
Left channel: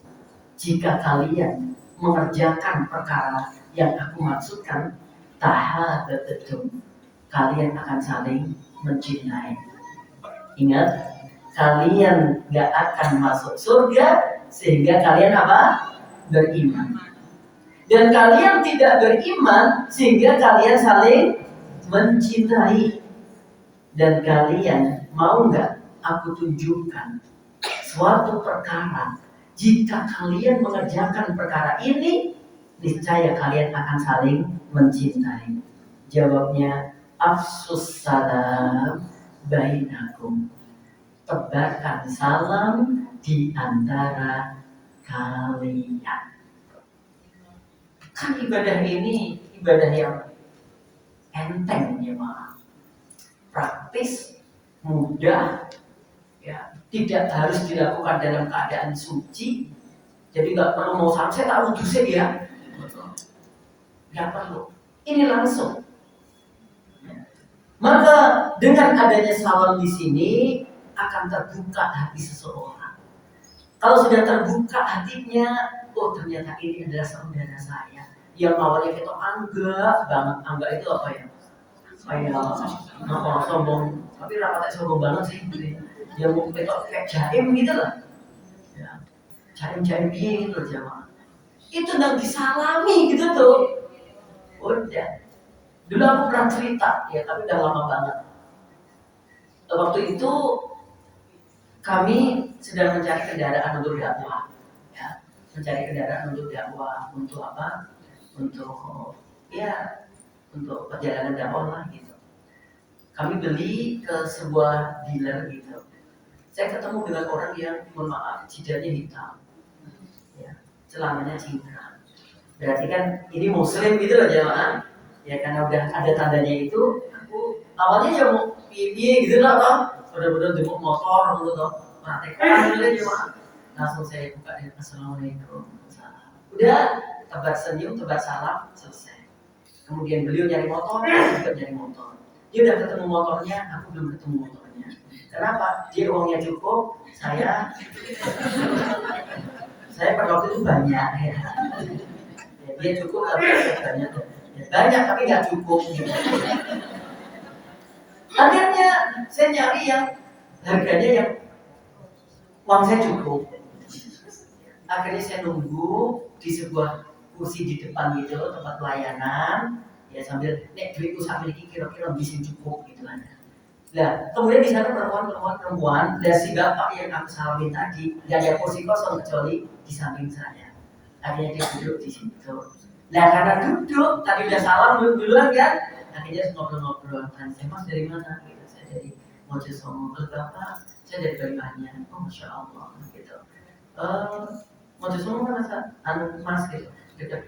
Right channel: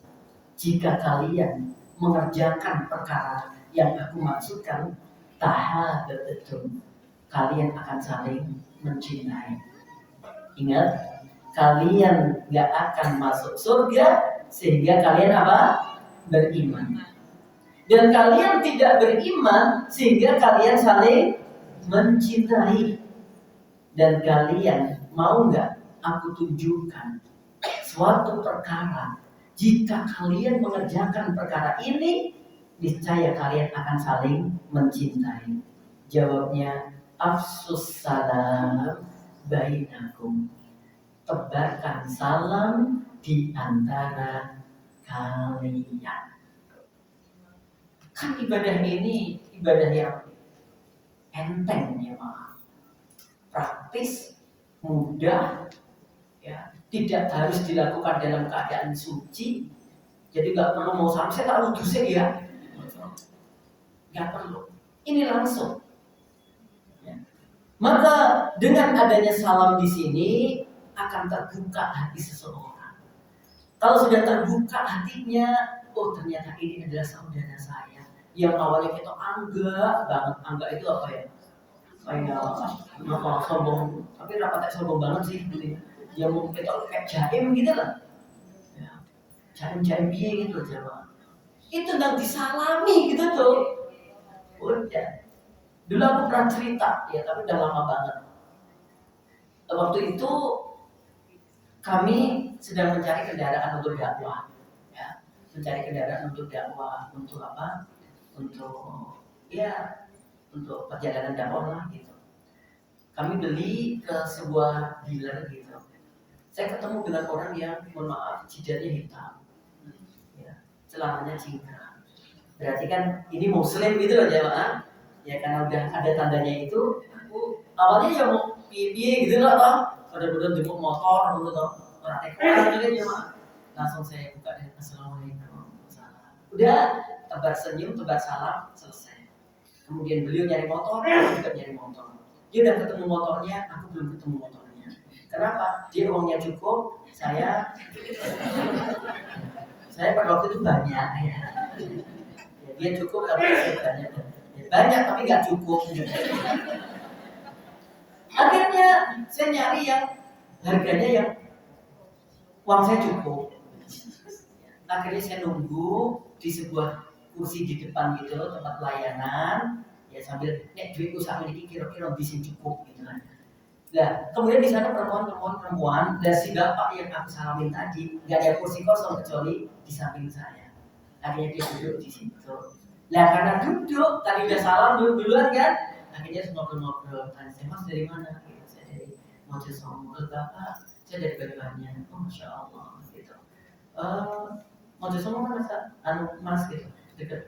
Jika kalian mengerjakan perkara yang aku maksudkan, tahabbtum, kalian akan saling mencintai. Ingat, kalian gak akan masuk surga sehingga kalian apa? Beriman. Dan kalian tidak beriman sehingga kalian saling mencintai. Dan kalian mau gak aku tunjukkan suatu perkara, jika kalian mengerjakan perkara ini, niscaya kalian akan saling mencintai. Jawabnya, afsus salam bainakum. Tebarkan salam di antara kalian. Kan ibadah ini ibadah yang enteng ya Pak. Praktis, mudah, ya, tidak harus dilakukan dalam keadaan suci. Jadi nggak perlu mau salam, saya tak wudhu ya, nggak perlu. Ini langsung. Maka dengan adanya salam di sini akan terbuka hati seseorang. Kalau sudah terbuka hatinya, oh ternyata ini adalah saudara saya. Yang awalnya kita anggap banget, anggap itu apa ya? Kayak apa sombong, tapi rapatnya sombong banget sih. Gitu. Ya mungkin itu kayak jaim gitu lah. Ya, jaim biye gitu jamaah. Itu nggak disalami gitu tuh. Udah. Dulu aku pernah cerita, ya tapi udah lama banget. Waktu itu kami sedang mencari kendaraan untuk dakwah, ya, mencari kendaraan untuk dakwah, untuk apa? Untuk ya, untuk perjalanan dakwah lah gitu. Kami beli ke sebuah dealer gitu. Saya ketemu dengan orang yang, mohon maaf, jidatnya hitam, ya, celananya cingkrang. Berarti kan ini muslim gitu loh jemaah. Ya karena udah ada tandanya itu, aku awalnya ya mau piye gitu lah toh. Bener-bener jemput motor gitu toh. Praktek gitu kan jemaah. Langsung saya buka dengan assalamualaikum. Udah tebar senyum, tebar salam, selesai. Kemudian beliau nyari motor, aku juga nyari motor. Dia udah ketemu motornya, aku belum ketemu motornya. Kenapa? Dia uangnya cukup, saya pada waktu itu banyak ya. Dia cukup tapi saya banyak. Ya, banyak tapi nggak cukup. Akhirnya saya nyari yang harganya yang uang saya cukup. Akhirnya saya nunggu di sebuah kursi di depan gitu tempat pelayanan, ya sambil nek duitku sampai ini kira-kira bisa cukup gitu kan. Nah, kemudian di sana perempuan, dan si bapak yang aku salamin tadi nggak ada kursi kosong kecuali di samping saya. Akhirnya dia duduk di situ. Nah, karena duduk tadi udah salam duluan kan, akhirnya ngobrol-ngobrol. Tanya saya, Mas dari mana? Gitu. Saya dari Mojosongo. Bapak, saya dari Banyuwangi. Oh, masya Allah. Gitu. Mojosongo mana Mas gitu, dekat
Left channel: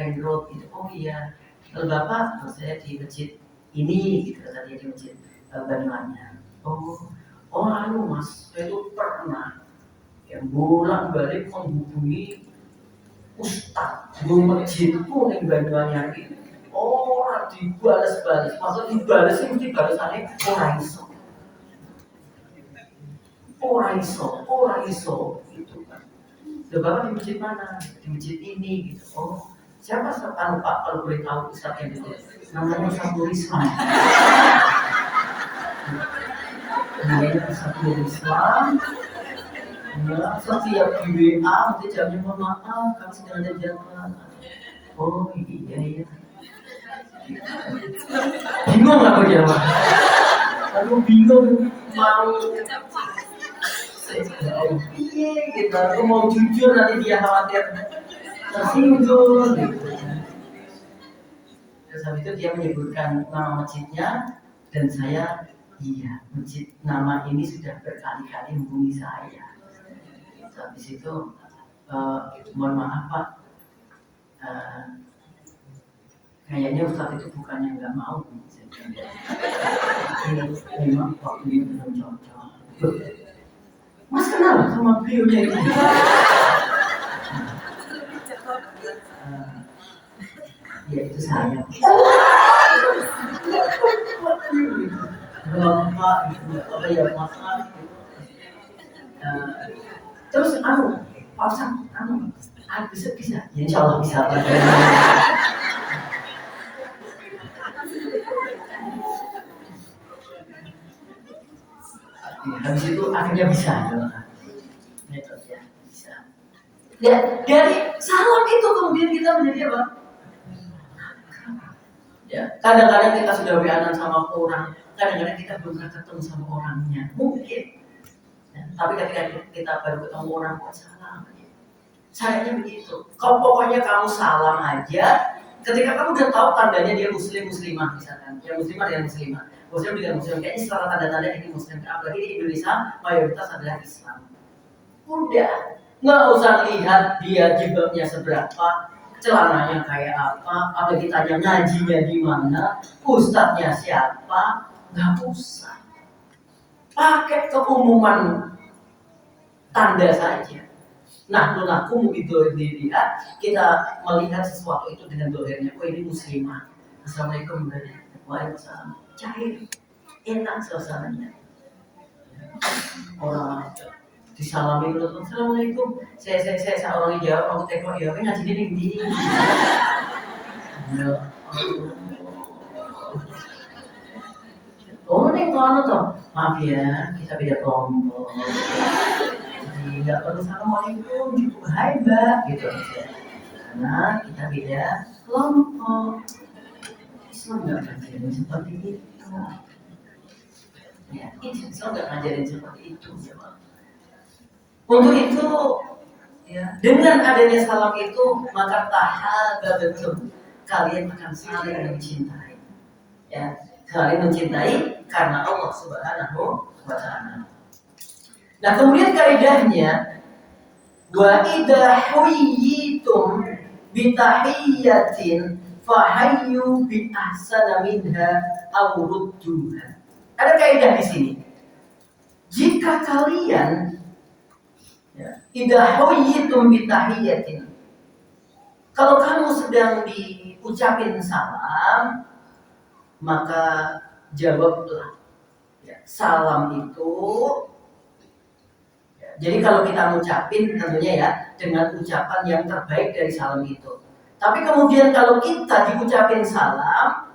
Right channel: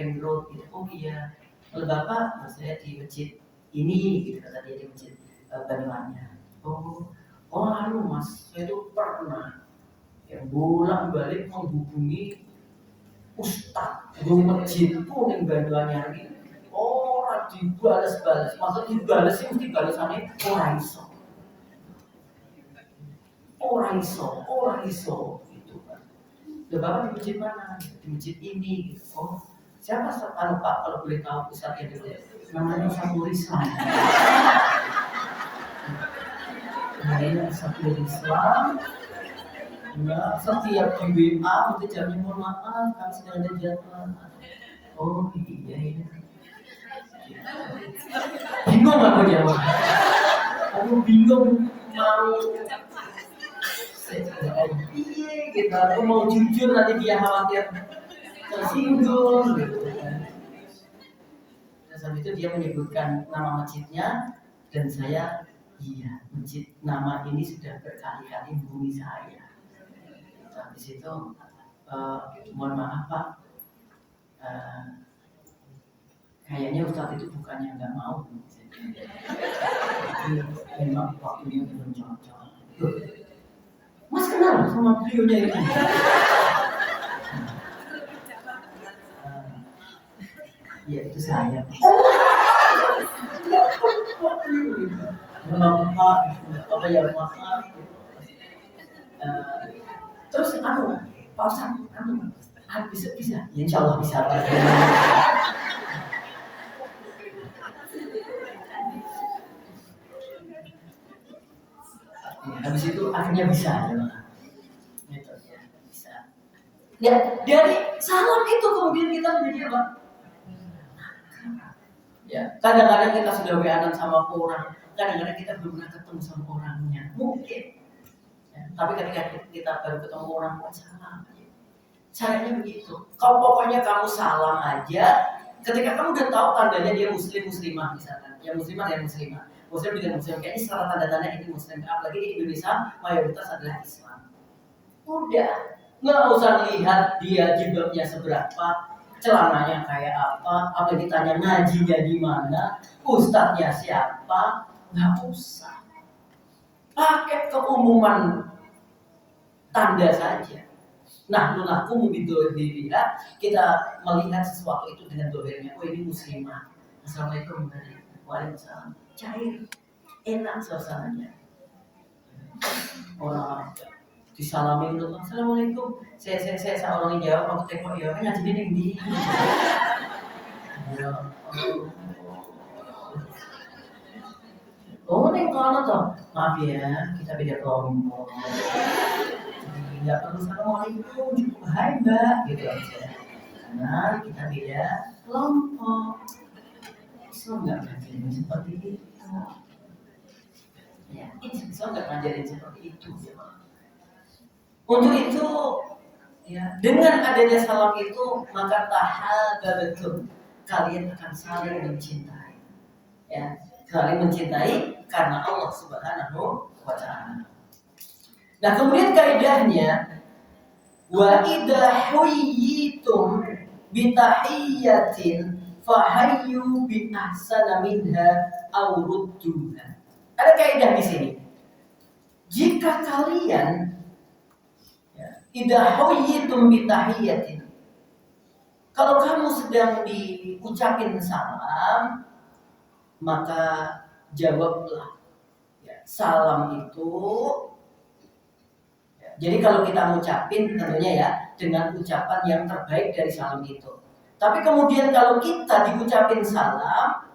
Ring Road gitu. Oh iya. Bapak, saya di masjid ini gitu kata dia, di masjid Banyuwangi. Oh Mas, saya itu pernah yang bolak-balik menghubungi Ustadz di masjid pun yang Banyuwangi. Orang dibales-bales, maksud dibales sih mesti balesannya orang iso gitu kan. Loh Bapak di masjid mana? Di masjid ini gitu. Oh, siapa Pak kalau boleh tahu Ustadz yang dulu? Namanya Saiful Islam. Namanya Saiful Islam. Ya, setiap di WA nanti jawabnya mohon maaf kami sedang ada jadwal. Oh iya. Bingung aku jawab. Aku bingung mau iya gitu. Aku mau jujur nanti dia khawatir tersinggung gitu. Terus habis itu dia menyebutkan nama masjidnya dan saya iya masjid nama ini sudah berkali-kali hubungi saya. Habis itu mohon maaf Pak, kayaknya Ustadz itu bukannya nggak mau, memang waktunya belum cocok. Mas kenal sama beliaunya itu? Ya itu saya. Bapak itu apa ya maaf. Terus Pak Ustadz, bisa, ya, insya Allah bisa Pak. Habis itu akhirnya bisa, ya, bisa. Dan dari salam itu kemudian kita menjadi apa? Ya, kadang-kadang kita sudah WA-an sama orang, kadang-kadang kita belum pernah ketemu sama orangnya, mungkin. Ya, tapi ketika kita baru ketemu orang, kok salam? Caranya begitu. Kau pokoknya kamu salam aja. Ketika kamu udah tahu tandanya dia muslimah misalkan, ya muslimah dengan muslimah, muslim dengan muslim, kayaknya setelah tanda-tanda ini muslim. Apalagi di Indonesia mayoritas adalah Islam. Udah, nggak usah lihat dia jilbabnya seberapa, celananya kayak apa, apalagi tanya ngajinya di mana, ustadznya siapa, nggak usah. Pakai keumuman tanda saja. Nah, nulaku diri kita melihat sesuatu itu dengan dohirnya. Oh ini muslimah. Assalamualaikum warahmatullahi. Cair, enak suasananya. Orang disalami dulu, assalamualaikum. Saya orang jawab, aku teko ya, ngaji ini. Ya. Oh, neng kalau toh, maaf ya, kita beda kelompok. Nggak perlu assalamualaikum, cukup hai mbak gitu aja karena kita beda kelompok. Islam nggak ngajarin seperti itu. Ya, Islam nggak ngajarin seperti itu. Ya. Untuk itu, ya, dengan adanya salam itu maka tahabatum, kalian akan saling mencintai. Ya, saling mencintai karena Allah Subhanahu wa Ta'ala. Nah, kemudian kaidahnya, wa idza huyyitum bi tahiyyatin fahayyu bi ahsana minha aw rudduha. Ada kaidah di sini. Jika kalian idza huyyitum bi tahiyyatin, kalau kamu sedang diucapin salam, maka jawablah. Salam itu, jadi kalau kita ngucapin tentunya ya dengan ucapan yang terbaik dari salam itu. Tapi kemudian kalau kita diucapin salam,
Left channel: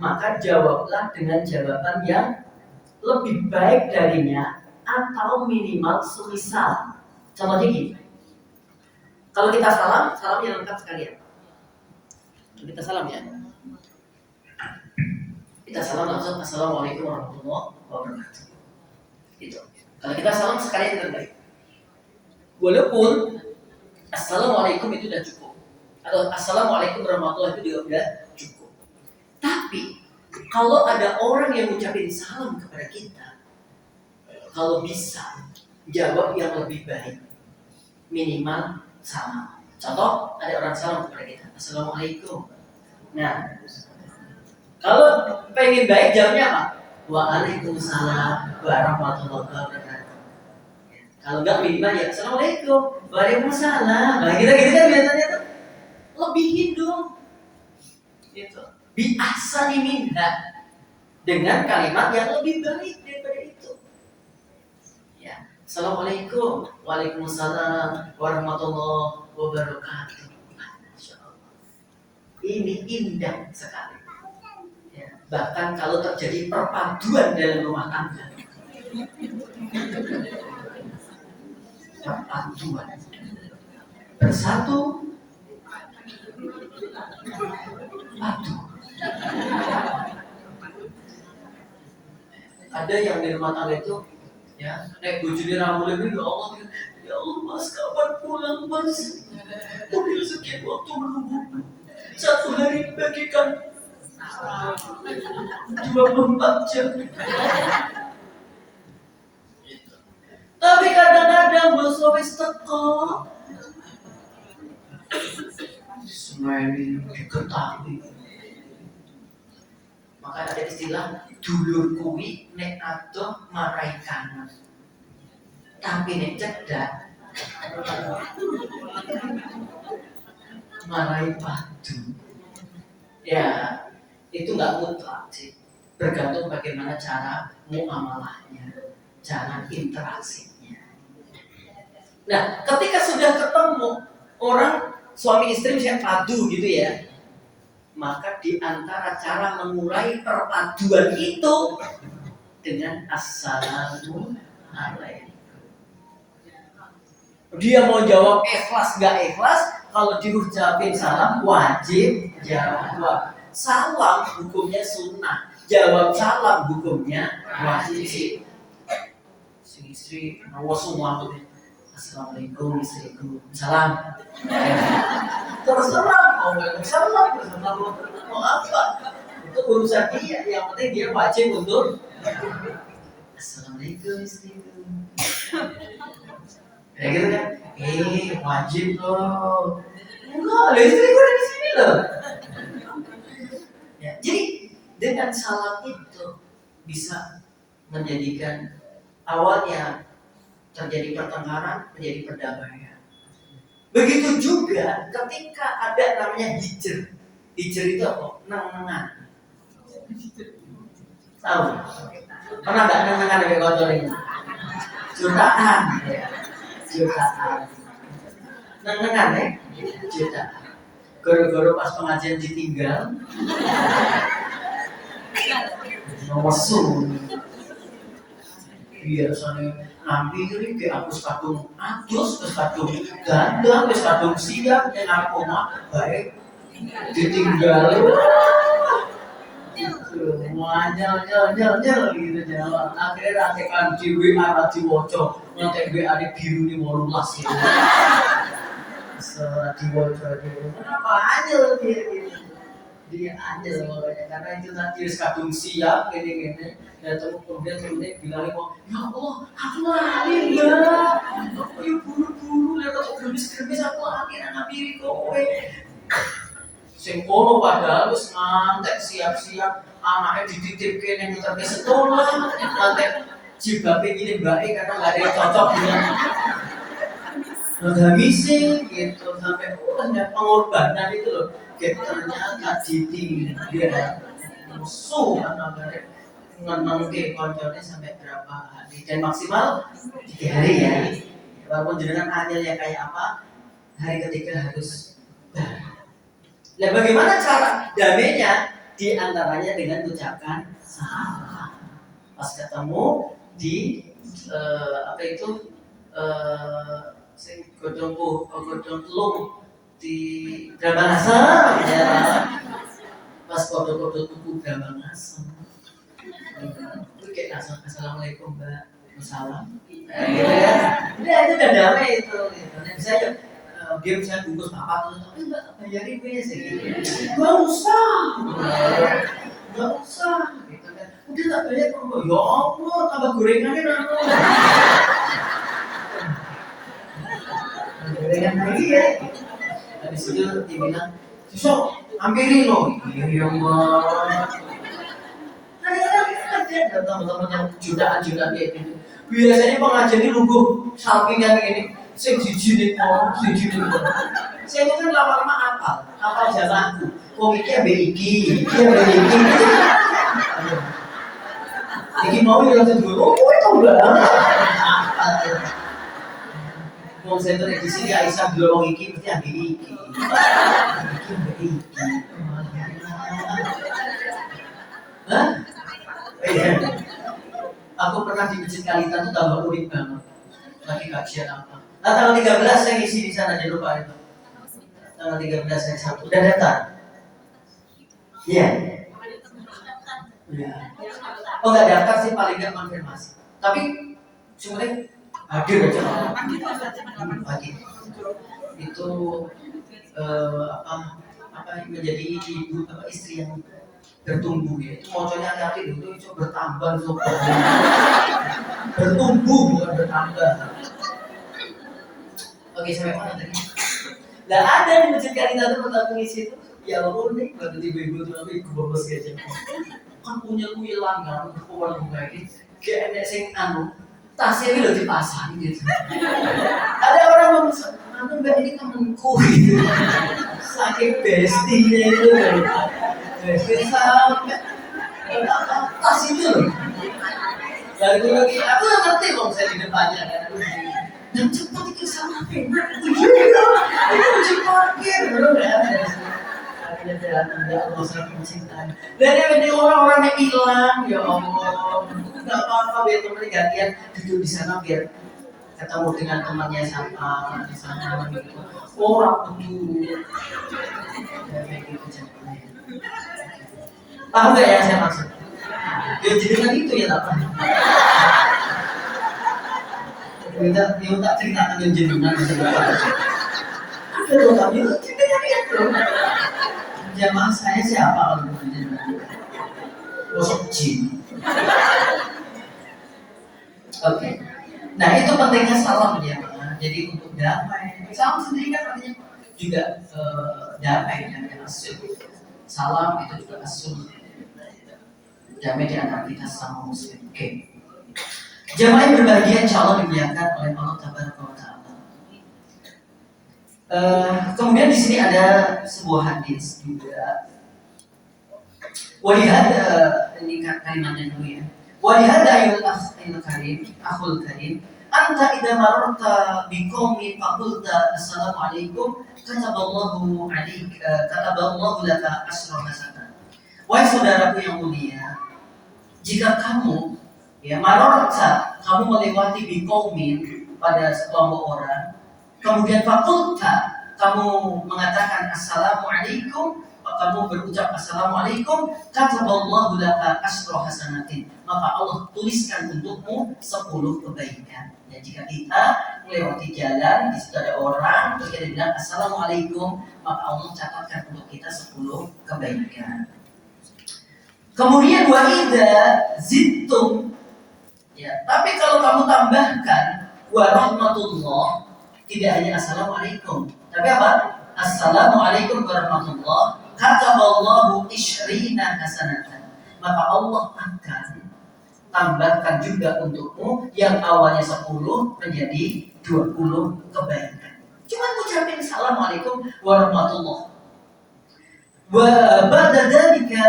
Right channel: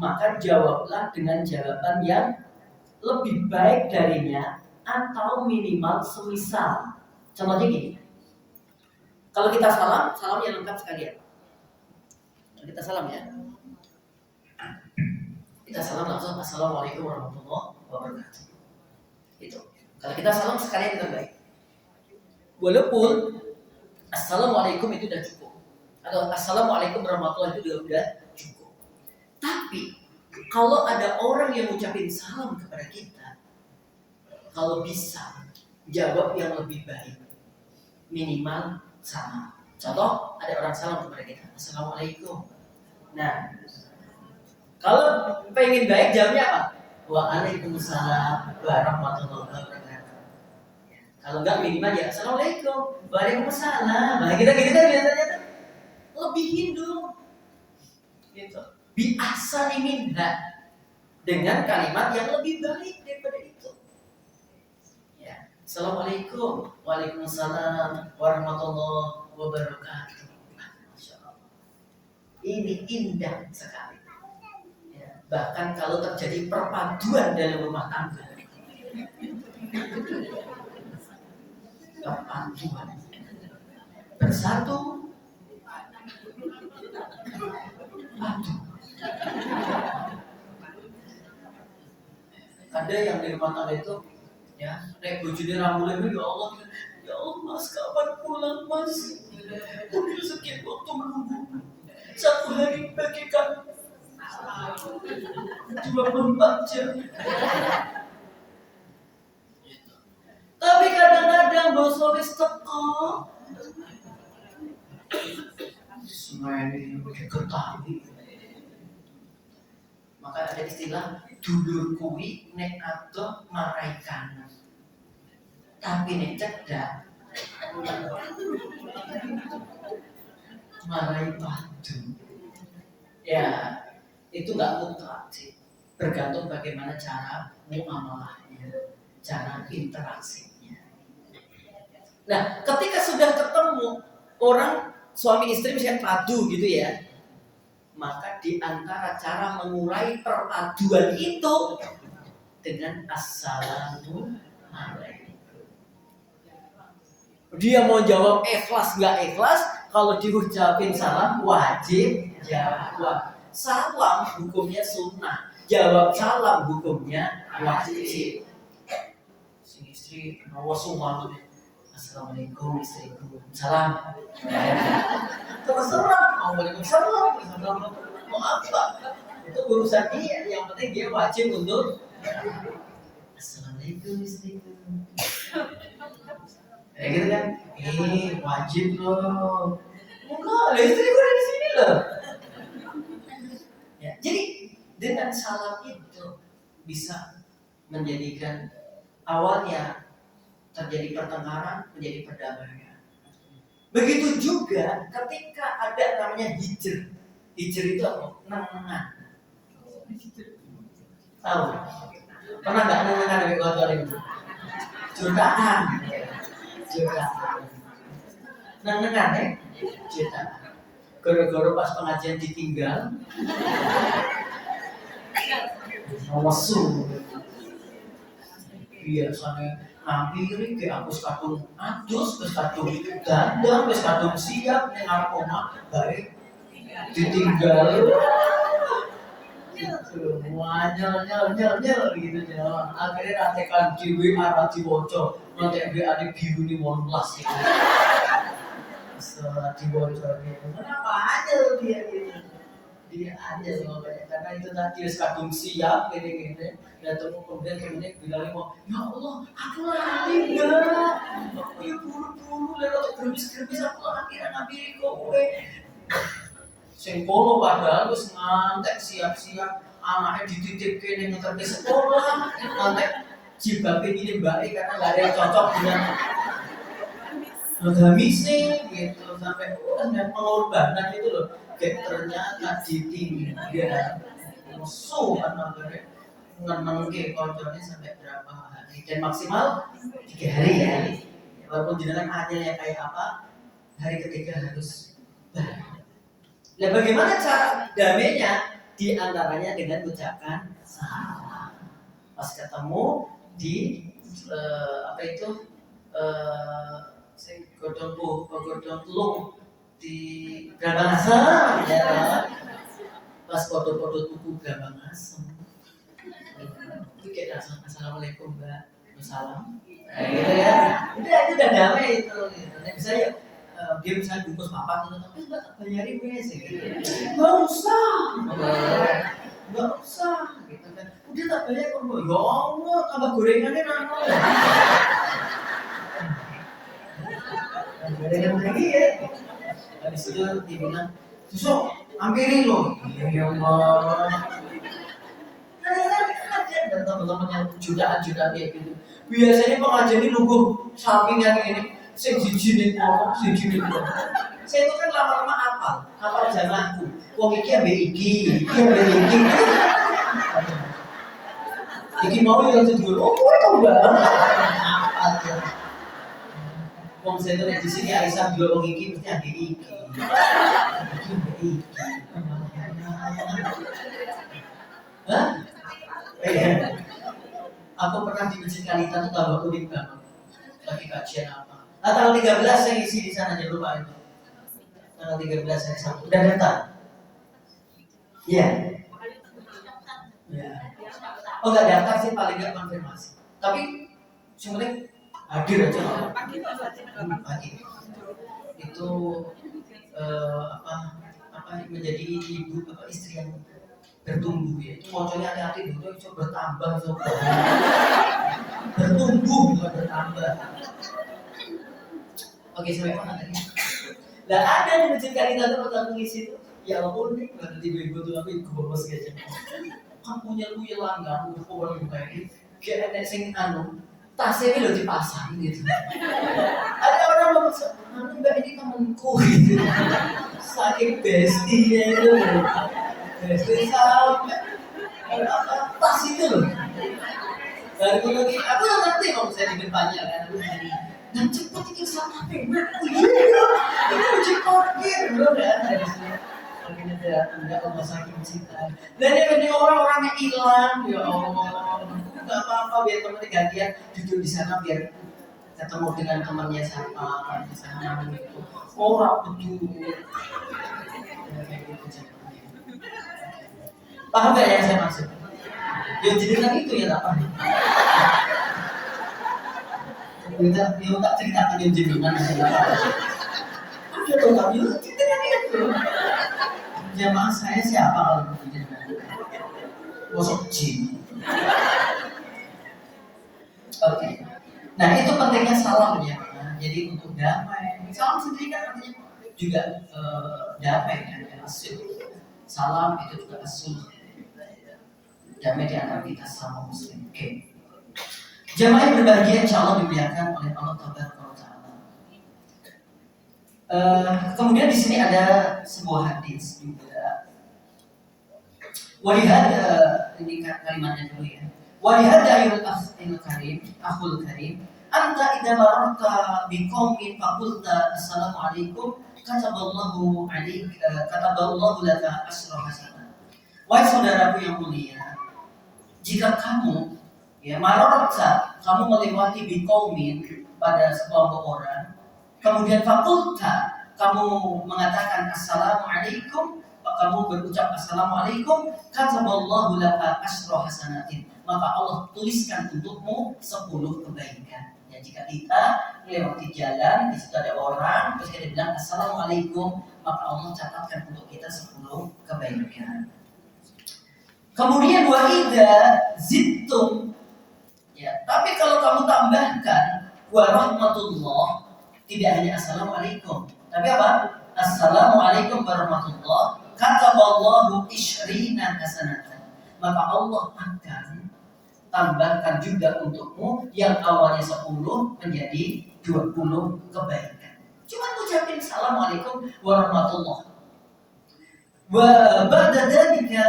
maka jawablah dengan jawaban yang lebih baik darinya atau minimal semisal. Contohnya gini. Kalau kita salam yang lengkap sekalian. Kalau kita salam ya. Kita salam langsung assalamualaikum warahmatullahi wabarakatuh. Itu. Kalau kita salam sekalian terbaik. Walaupun assalamualaikum itu sudah cukup, atau assalamualaikum warahmatullahi itu sudah cukup. Tapi kalau ada orang yang mengucapkan salam kepada kita, kalau bisa jawab yang lebih baik, minimal sama. Contoh, ada orang salam kepada kita, assalamualaikum. Nah, kalau pengen baik jawabnya apa? Waalaikumsalam warahmatullahi wabarakatuh. Kalau enggak minimal ya assalamualaikum, waalaikumsalam. Nah kita gitu kan biasanya tuh lebihin dong. Gitu. Bi ahsani minha, dengan kalimat yang lebih baik daripada itu. Ya, assalamualaikum, waalaikumsalam warahmatullahi wabarakatuh. Masyaallah. Ini indah sekali. Ya, bahkan kalau terjadi perpaduan dalam rumah tangga. Perpaduan bersatu padu. Ada yang di rumah tangga itu ya naik bojone ramule ya Allah, ya Allah mas kapan pulang mas, udah sekian waktu menunggu, 1 hari bagikan 24 jam. Tapi kadang-kadang bos wis teko semeni diketahui. Maka ada istilah dulur kuwi nek adoh marai kanan, tapi nek cedak marai padu. Ya, itu nggak mutlak sih, bergantung bagaimana cara muamalahnya, cara interaksinya. Nah, ketika sudah ketemu orang suami istri misalnya padu gitu ya, maka di antara cara mengurai perpaduan itu dengan assalamualaikum. Dia mau jawab ikhlas nggak ikhlas, kalau diucapin salam wajib jawab. Salam hukumnya sunnah, jawab salam hukumnya wajib. Sing istri nawa semua tuh, assalamualaikum istriku, salam. Terserah mau waalaikumsalam, mau apa? Itu urusan dia. Yang penting dia wajib untuk assalamualaikum istriku. Ya gitu kan? Wajib loh. Enggak, istriku ada di sini loh. Ya, jadi dengan salam itu bisa menjadikan awalnya terjadi pertengkaran menjadi perdamaian. Begitu juga ketika ada namanya hijr. Hijr itu apa? Neng-nengan. Tahu? Pernah nggak neng-nengan lebih kotor ini? Jutaan. Jutaan. Neng-nengan ya? Jutaan. Goro-goro pas pengajian ditinggal. Nawasu. Biasanya nabi ini kayak aku kadung adus, wis kadung dandang, wis kadung siap, narkoma baik ditinggal. Nyel gitu Jawa. Akhirnya ratekan di WA ra diwaca, ngontek WA ne biru ni 18 gitu. Serat diwaca gitu. Kenapa aja dia gitu? Dia aja pokoknya karena itu tadi kadung siap gini-gini. Dan kemudian bilang ya Allah, aku lali enggak. Aku yuk buru-buru lewat gerbis-gerbis aku akhirnya ngampiri kowe. Sing kono padahal wis ngantek siap-siap anaknya dititipke ning ngeterke sekolah ngantek jilbabe ini mbake karena enggak ada yang cocok dengan gamise gitu sampai ada pengorbanan itu loh. Ternyata ditinggal musuh namanya ngenengke koncone sampai berapa hari dan maksimal 3 hari ya. Walaupun jenengan anyel ya kayak apa, hari ketiga harus nah, bagaimana cara damainya? Di antaranya dengan ucapan salam. Pas ketemu di apa itu sing godhong telung di Brahma Asam ya. Pas foto-foto tuku Brahma Asam. Itu kayak assalamualaikum Mbak, salam. Gitu ya. Udah itu udah damai itu. Dan saya dia misalnya bungkus papak itu, tapi enggak bayarin wes gitu. Enggak usah gitu kan. Udah tak bayar kok. Ya Allah, tambah gorengannya nano. Gorengan lagi ya. Habis itu dia bilang, "Besok ampirin loh." Iya, Mbak. Ada teman-teman yang jutaan-jutaan kayak gitu. Biasanya pengajian ini nunggu samping yang ini. Saya dijinin kok. Saya itu kan lama-lama apal jalanku. Wong iki ambek iki. Iki mau ya langsung dulu. Oh, itu enggak. Apal. Wong saya tuh di sini Aisyah dulu wong iki mesti ambek iki. Hah? Aku pernah di Masjid Kalitan itu tambah unik banget. Lagi kajian apa? Nah, tanggal 13 saya ngisi di sana, jangan lupa itu. Tanggal 13 saya Sabtu. Udah datang? Iya. Ya. Oh nggak daftar sih, paling nggak konfirmasi. Tapi sebenarnya hadir aja pagi. Itu apa menjadi ibu apa istri yang bertumbuh ya. Itu moconya hati-hati dulu itu bertambah itu. Bertumbuh bukan bertambah. Oke, sampai mana tadi? Nggak ada di Masjid Kalitan tempat aku ngisi itu. Ya Allah nih, kalau ibu-ibu tuh aku bos aja. Kan punya kuilan kan, ukuran buka ini. Kayak enek sing tasnya ini udah dipasang gitu. Ada orang ngomong, Mbak ini temanku gitu. Saking bestinya itu. Bestie sampai tas itu loh. Dan aku lagi, aku nggak ngerti kalau saya di depannya kan. Dan cepat itu sama apa? Itu uji parkir, bro. Akhirnya datang, ya Allah saking mencintai. Dan yang ini orang-orang yang hilang, ya Allah. Gak apa-apa, biar temennya gantian duduk di sana biar ketemu dengan temannya siapa di sana gitu. Orang betul. Ya kayak gitu caranya. Paham gak yang saya maksud? Ya jadi kan itu ya tak paham. Dia tak ceritakan yang jenengan ada tuh tapi ceritanya itu jamaah saya siapa kalau jenengan gosok jin. Oke. Nah itu pentingnya salam ya. Jadi untuk damai. Salam sendiri kan artinya juga damai dan asyik. Salam itu juga asyik. Damai di antara kita sama muslim. Oke. Jamaah yang berbahagia insya Allah dimuliakan oleh Allah Tabaraka wa Ta'ala. Kemudian di sini ada sebuah hadis juga. Walihad ini kalimatnya dulu ya. Walihad ayul akhul karim, anta idza mararta biqaumin faqulta assalamu alaikum kataballahu laka asra hasanah. Wahai saudaraku yang mulia, jika kamu ya marorta kamu melewati biqaumin pada sekelompok orang, kemudian fakulta kamu mengatakan assalamualaikum kamu berucap assalamualaikum, kataballahu laka asyra hasanatin, maka Allah tuliskan untukmu 10 kebaikan. Ya, jika kita melewati jalan, di situ ada orang, terus kita bilang assalamualaikum, maka Allah catatkan untuk kita 10 kebaikan. Kemudian wa idza zittum, ya, tapi kalau kamu tambahkan wa rahmatullah, tidak hanya assalamualaikum, tapi apa? Assalamualaikum warahmatullah, kataballahu isyrina hasanatan, maka Allah akan tambahkan juga untukmu yang awalnya 10 menjadi 20 kebaikan. Cuma ucapin assalamualaikum warahmatullah. Wa ba'da dzalika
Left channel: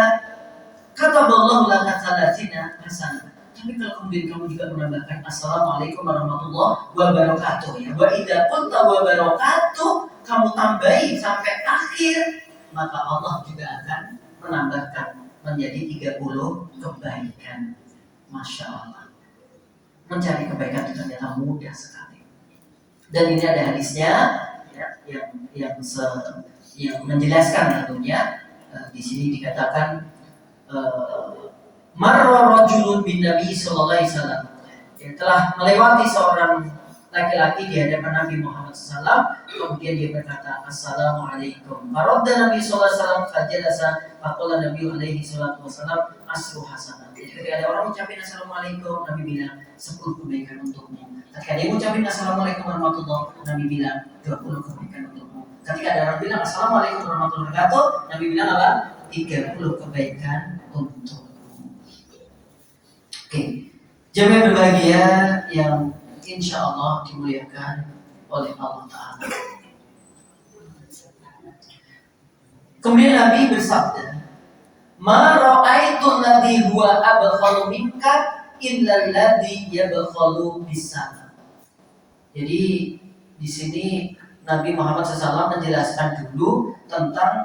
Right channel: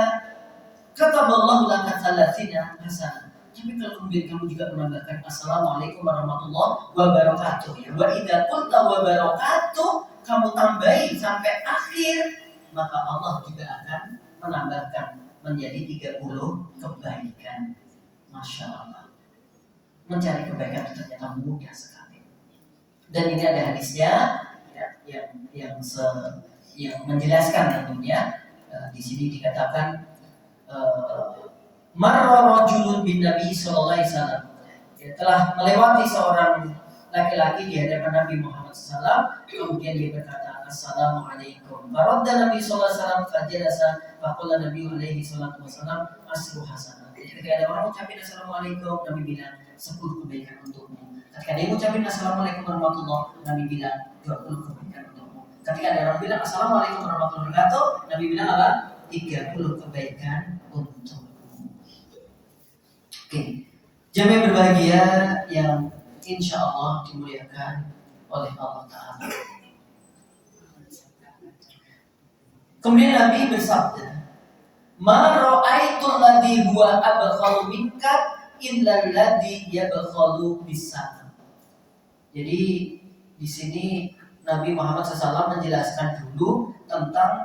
kataballahu laka 30 hasanah. Tapi kalau kemudian kamu juga menambahkan assalamualaikum warahmatullahi wabarakatuh, ya, wa idza qulta wa barakatuh, kamu tambahi sampai akhir, maka Allah juga akan menambahkan menjadi 30 kebaikan. Masya Allah, mencari kebaikan itu ternyata mudah sekali. Dan ini ada hadisnya, ya, yang menjelaskan tentunya. Di sini dikatakan marra rajulun bin Nabi sallallahu alaihi wasallam, telah melewati seorang laki-laki di hadapan Nabi Muhammad SAW, kemudian dia berkata assalamualaikum. Faradda Nabi sallallahu alaihi wasallam fajalasa, faqala Nabi alaihi salatu wasallam asru hasanah. Jadi ketika ada orang ucapin assalamualaikum, Nabi bilang 10 kebaikan untukmu. Ketika dia ucapin assalamualaikum warahmatullahi, Nabi bilang 20 kebaikan untukmu. Ketika ada orang bilang assalamualaikum warahmatullahi wabarakatuh, Nabi bilang apa? 30 kebaikan untukmu. Oke, jamaah berbahagia yang insya Allah dimuliakan oleh Allah Ta'ala. Kemudian Nabi bersabda, ma ra'aitu alladhi huwa abkhalu minka illa alladhi yabkhalu bisalam. Jadi di sini Nabi Muhammad SAW menjelaskan dulu tentang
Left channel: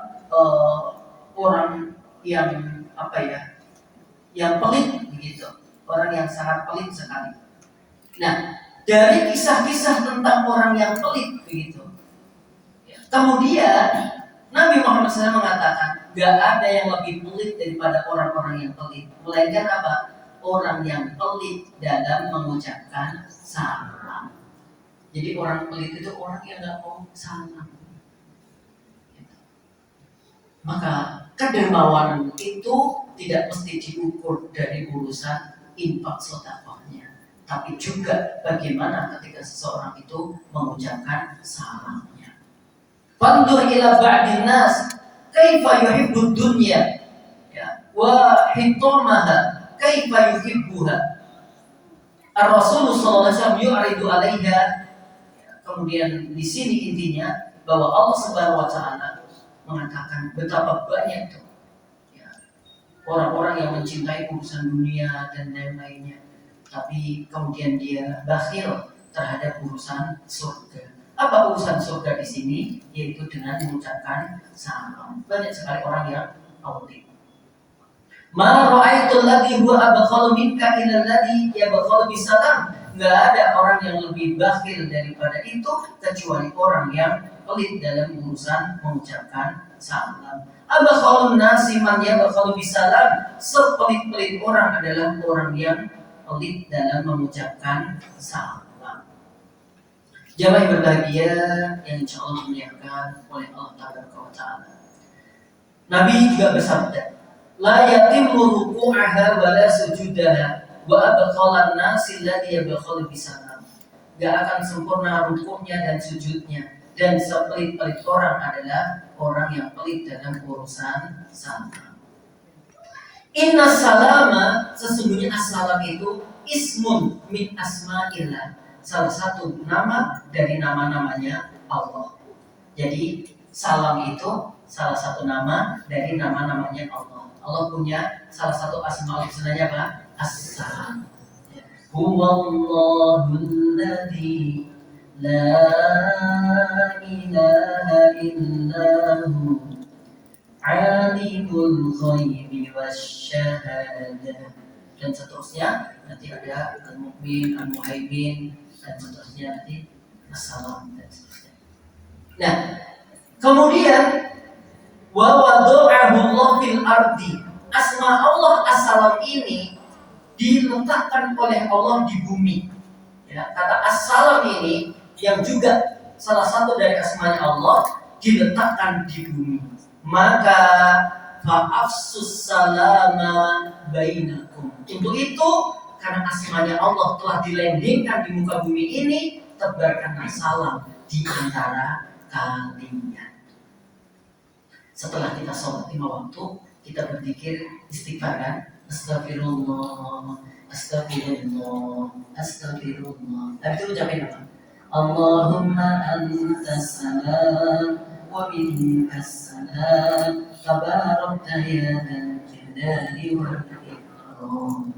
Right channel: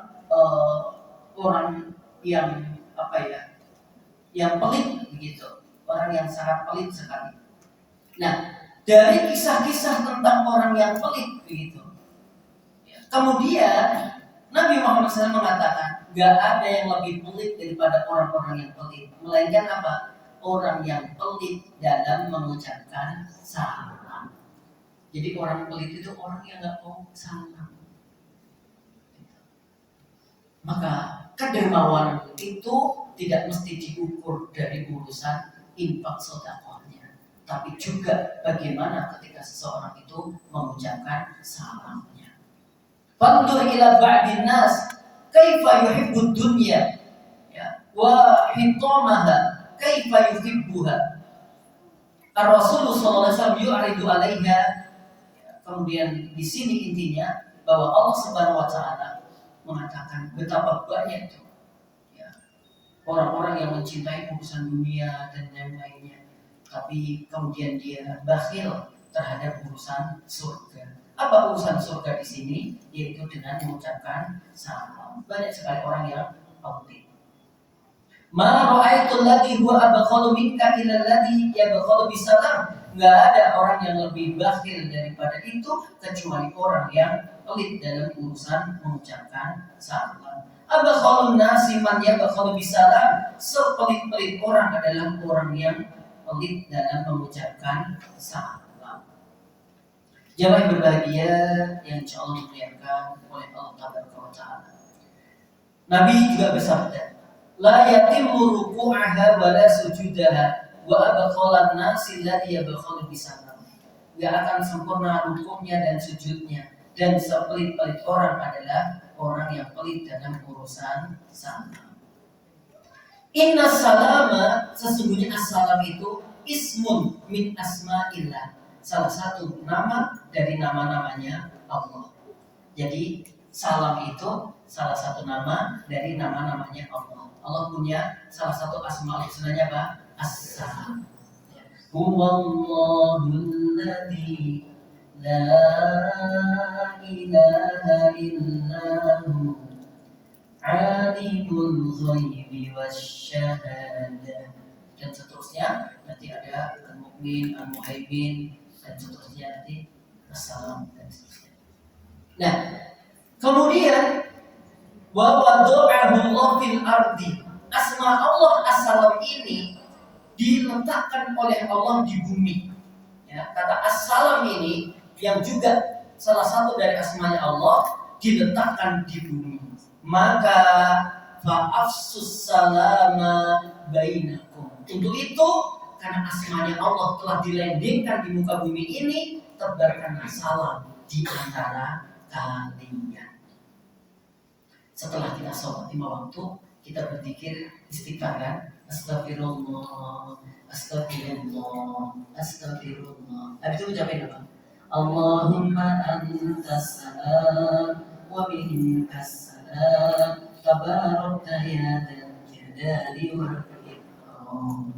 orang yang yang pelit begitu. Orang yang sangat pelit sekali. Nah, dari kisah-kisah tentang orang yang pelit begitu, kemudian Nabi Muhammad SAW mengatakan, gak ada yang lebih pelit daripada orang-orang yang pelit, melainkan apa? Orang yang pelit dalam mengucapkan salam. Jadi orang pelit itu orang yang gak mau salam. Maka kedermawanan itu tidak mesti diukur dari urusan infak sedekahnya, tapi juga bagaimana ketika seseorang itu mengucapkan salamnya. Fandur ila ba'din nas kaifa yuhibbud dunya, ya, wa hitamaha kaifa yuhibbuha. Ar-Rasul sallallahu alaihi wasallam yu'ridu 'alaiha. Kemudian di sini intinya bahwa Allah Subhanahu wa taala mengatakan betapa banyak itu orang-orang yang mencintai urusan dunia dan lain-lainnya, tapi kemudian dia bakhil terhadap urusan surga. Apa urusan surga di sini? Yaitu dengan mengucapkan salam. Banyak sekali orang yang pelit. Ma ra'aitu alladhi huwa abkhalu minka illa alladhi yabkhalu bisalam. Enggak ada orang yang lebih bakhil daripada itu kecuali orang yang pelit dalam urusan mengucapkan salam. Abakhalun nasi man yabakhalu bisalam. Sepelit-pelit orang adalah orang yang pelit dalam mengucapkan salam. Jamaah yang berbahagia yang insya Allah dimuliakan oleh Allah Ta'ala. Nabi juga bersabda, la yatimmu ruku'aha wa la sujudaha wa abakhalan nasi alladhi yabakhalu bisalam. Gak akan sempurna rukuknya dan sujudnya, dan sepelit-pelit orang adalah orang yang pelit dalam urusan salam. Inna salama, sesungguhnya as-salam itu ismun min asma'illah, salah satu nama dari nama-namanya Allah. Jadi salam itu salah satu nama dari nama-namanya Allah. Allah punya salah satu asmaul husnanya apa? As-salam. Huwallahul ladzi la ilaha illahu alimul ghaibi wasyahada, dan seterusnya. Nanti ada al-mu'min, al-muhaimin, dan seterusnya nanti as-salam dan seterusnya. Nah, kemudian Wa wada'ahu Allah fil ardi. Asma Allah As-Salam ini diletakkan oleh Allah di bumi. Ya, kata As-Salam ini yang juga salah satu dari asmanya Allah diletakkan di bumi. Maka fa'afsus salama bainakum. Untuk itu, karena asmanya Allah telah dilandingkan di muka bumi ini, tebarkanlah salam di antara kalian. Setelah kita sholat 5 waktu, kita berzikir istighfar kan? Astagfirullah, astagfirullah, astagfirullah. Habis itu ucapin apa? Allahumma antas salam wa minkas salam tabarakta ya dzal jalali wal ikram.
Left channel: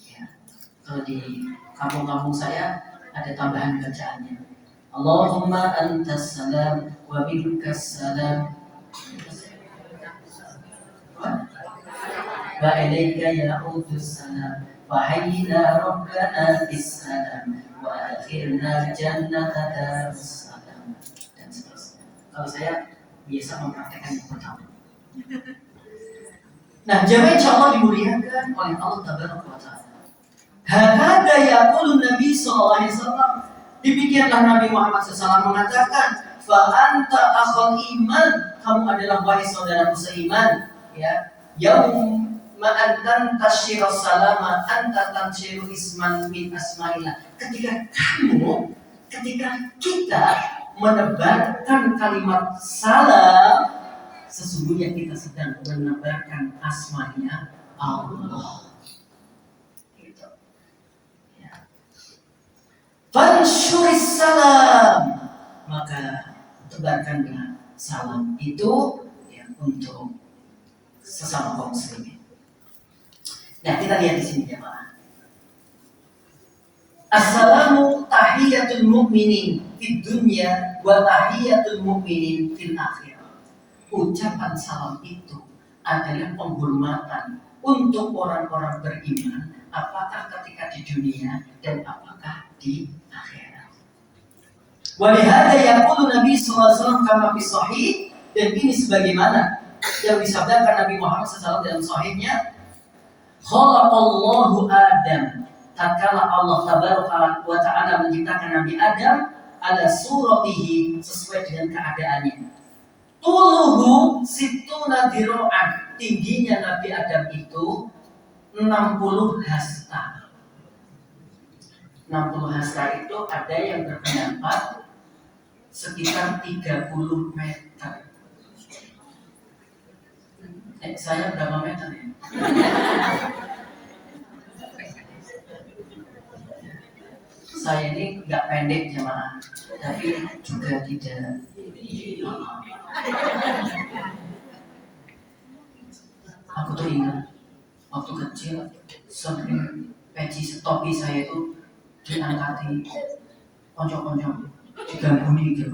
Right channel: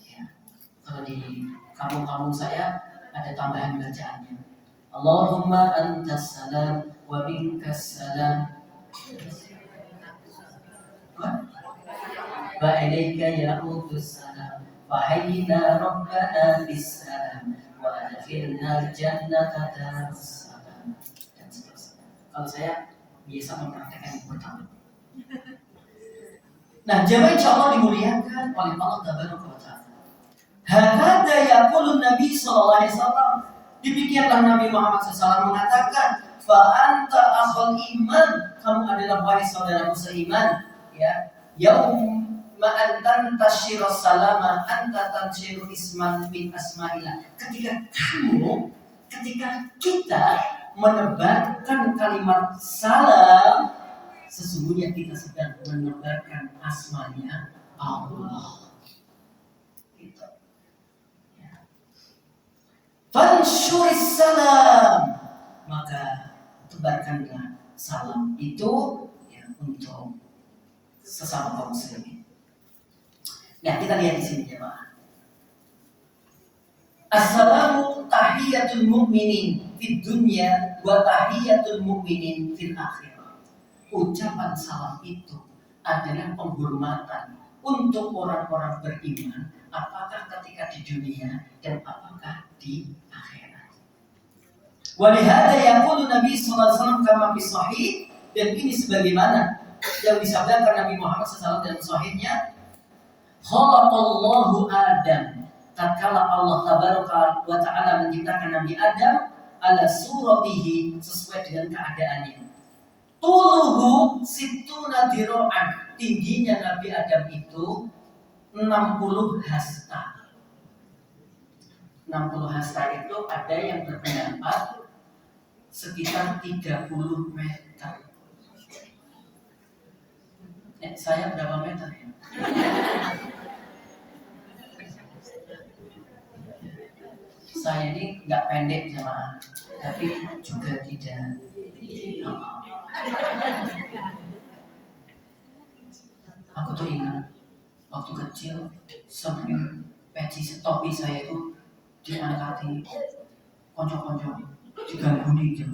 Ya. Kalau di kampung-kampung saya ada tambahan bacaannya. Allahumma antas salam wa minkas salam wa ilaika ya'udus salam wa hayyina rabbana bis salam wa akhirna jannata darus salam dan seterusnya. Kalau saya biasa mempraktekkan yang pertama. Nah, jamaah insyaallah dimuliakan oleh Allah Tabaraka wa Ta'ala. Hakada yaqulu Nabi sallallahu alaihi wasallam. Demikianlah Nabi Muhammad SAW mengatakan, fa anta akhul iman, kamu adalah wahai saudaraku seiman, ya. Yaum ma antan tasyiru salama anta tansyiru isman min asma'illah. Ketika kita menebarkan kalimat salam, sesungguhnya kita sedang menebarkan asmanya Allah. Gitu. Ya. Fanshuris salam, maka tebarkanlah salam itu ya, untuk sesama kaum muslimin. Nah, kita lihat di sini jemaah. Assalamu tahiyatul mu'minin fid dunya wa tahiyatul mu'minin fil akhirah. Ucapan salam itu adalah penghormatan untuk orang-orang beriman, apakah ketika di dunia dan apakah di akhirat. Wa lihada yaqulu Nabi sallallahu alaihi wasallam kama fi sahih, dan ini sebagaimana yang disabdakan Nabi Muhammad SAW dalam sahihnya, khalaqallahu Adam, tatkala Allah Tabaraka wa Ta'ala menciptakan Nabi Adam ala suratihi, sesuai dengan keadaannya. Tuluhu situna diro'an, tingginya Nabi Adam itu 60 hasta. 60 hasta itu ada yang berpendapat sekitar 30 meter. Saya berapa meter ya? Saya ini nggak pendek jemaah, tapi juga tidak. Aku tuh ingat waktu kecil sering peci topi saya itu diangkati konco-konco diganggu gitu,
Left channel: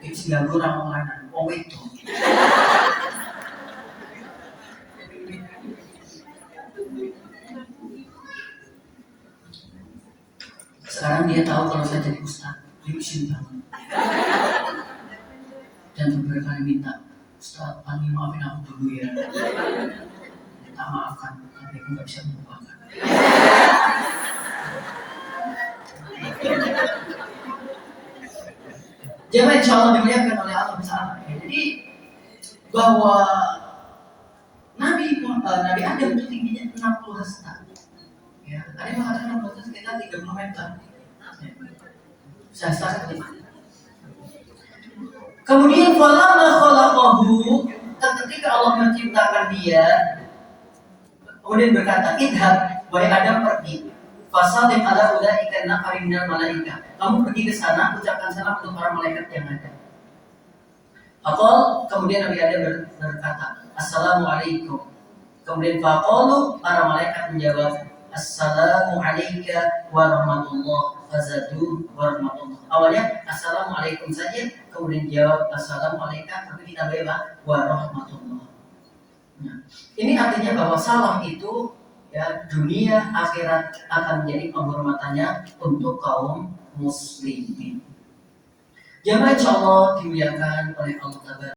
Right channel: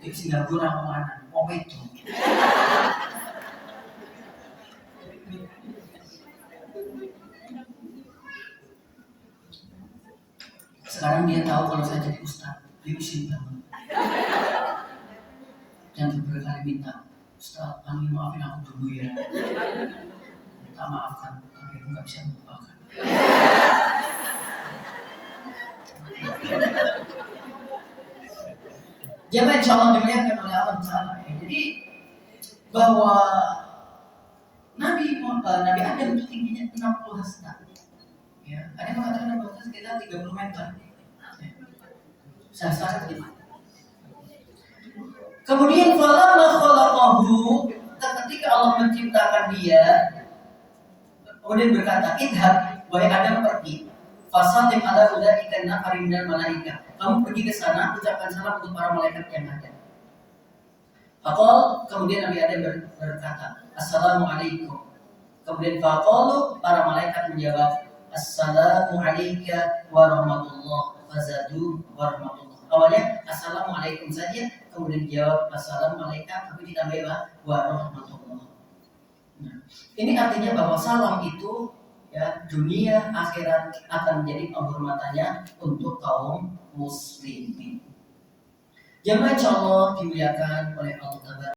diganggu ramuan, itu. Sekarang dia tahu kalau saya jadi ustaz, dia izin banget. Dan beberapa kali minta, Ustaz, maafin aku dulu ya. Tak maafkan, tapi aku nggak bisa melupakan. Jemaah insyaallah dimuliakan oleh Allah Taala. Jadi bahwa Nabi Adam itu tingginya 60 hasta. Ya, ada yang mengatakan 60 hasta sekitar 30 meter. Saya sepakat dengan. Kemudian falamma khalaqahu, ketika Allah menciptakan dia, kemudian berkata, idhab, wahai Adam pergi, fasalim ala ulaika nafarin minal malaika. Kamu pergi ke sana, ucapkan salam untuk para malaikat yang ada. Faqal, kemudian Nabi Adam berkata, Assalamualaikum. Kemudian faqalu, para malaikat menjawab, Assalamu alayka warahmatullah, fazadu warahmatullah. Awalnya Assalamualaikum saja, kemudian jawab Assalamualaikum, tapi ditambah warahmatullah. Nah, ini artinya bahwa salam itu ya, dunia akhirat akan menjadi penghormatannya untuk kaum muslimin. Jamaah insya Allah dimuliakan oleh Allah Taala.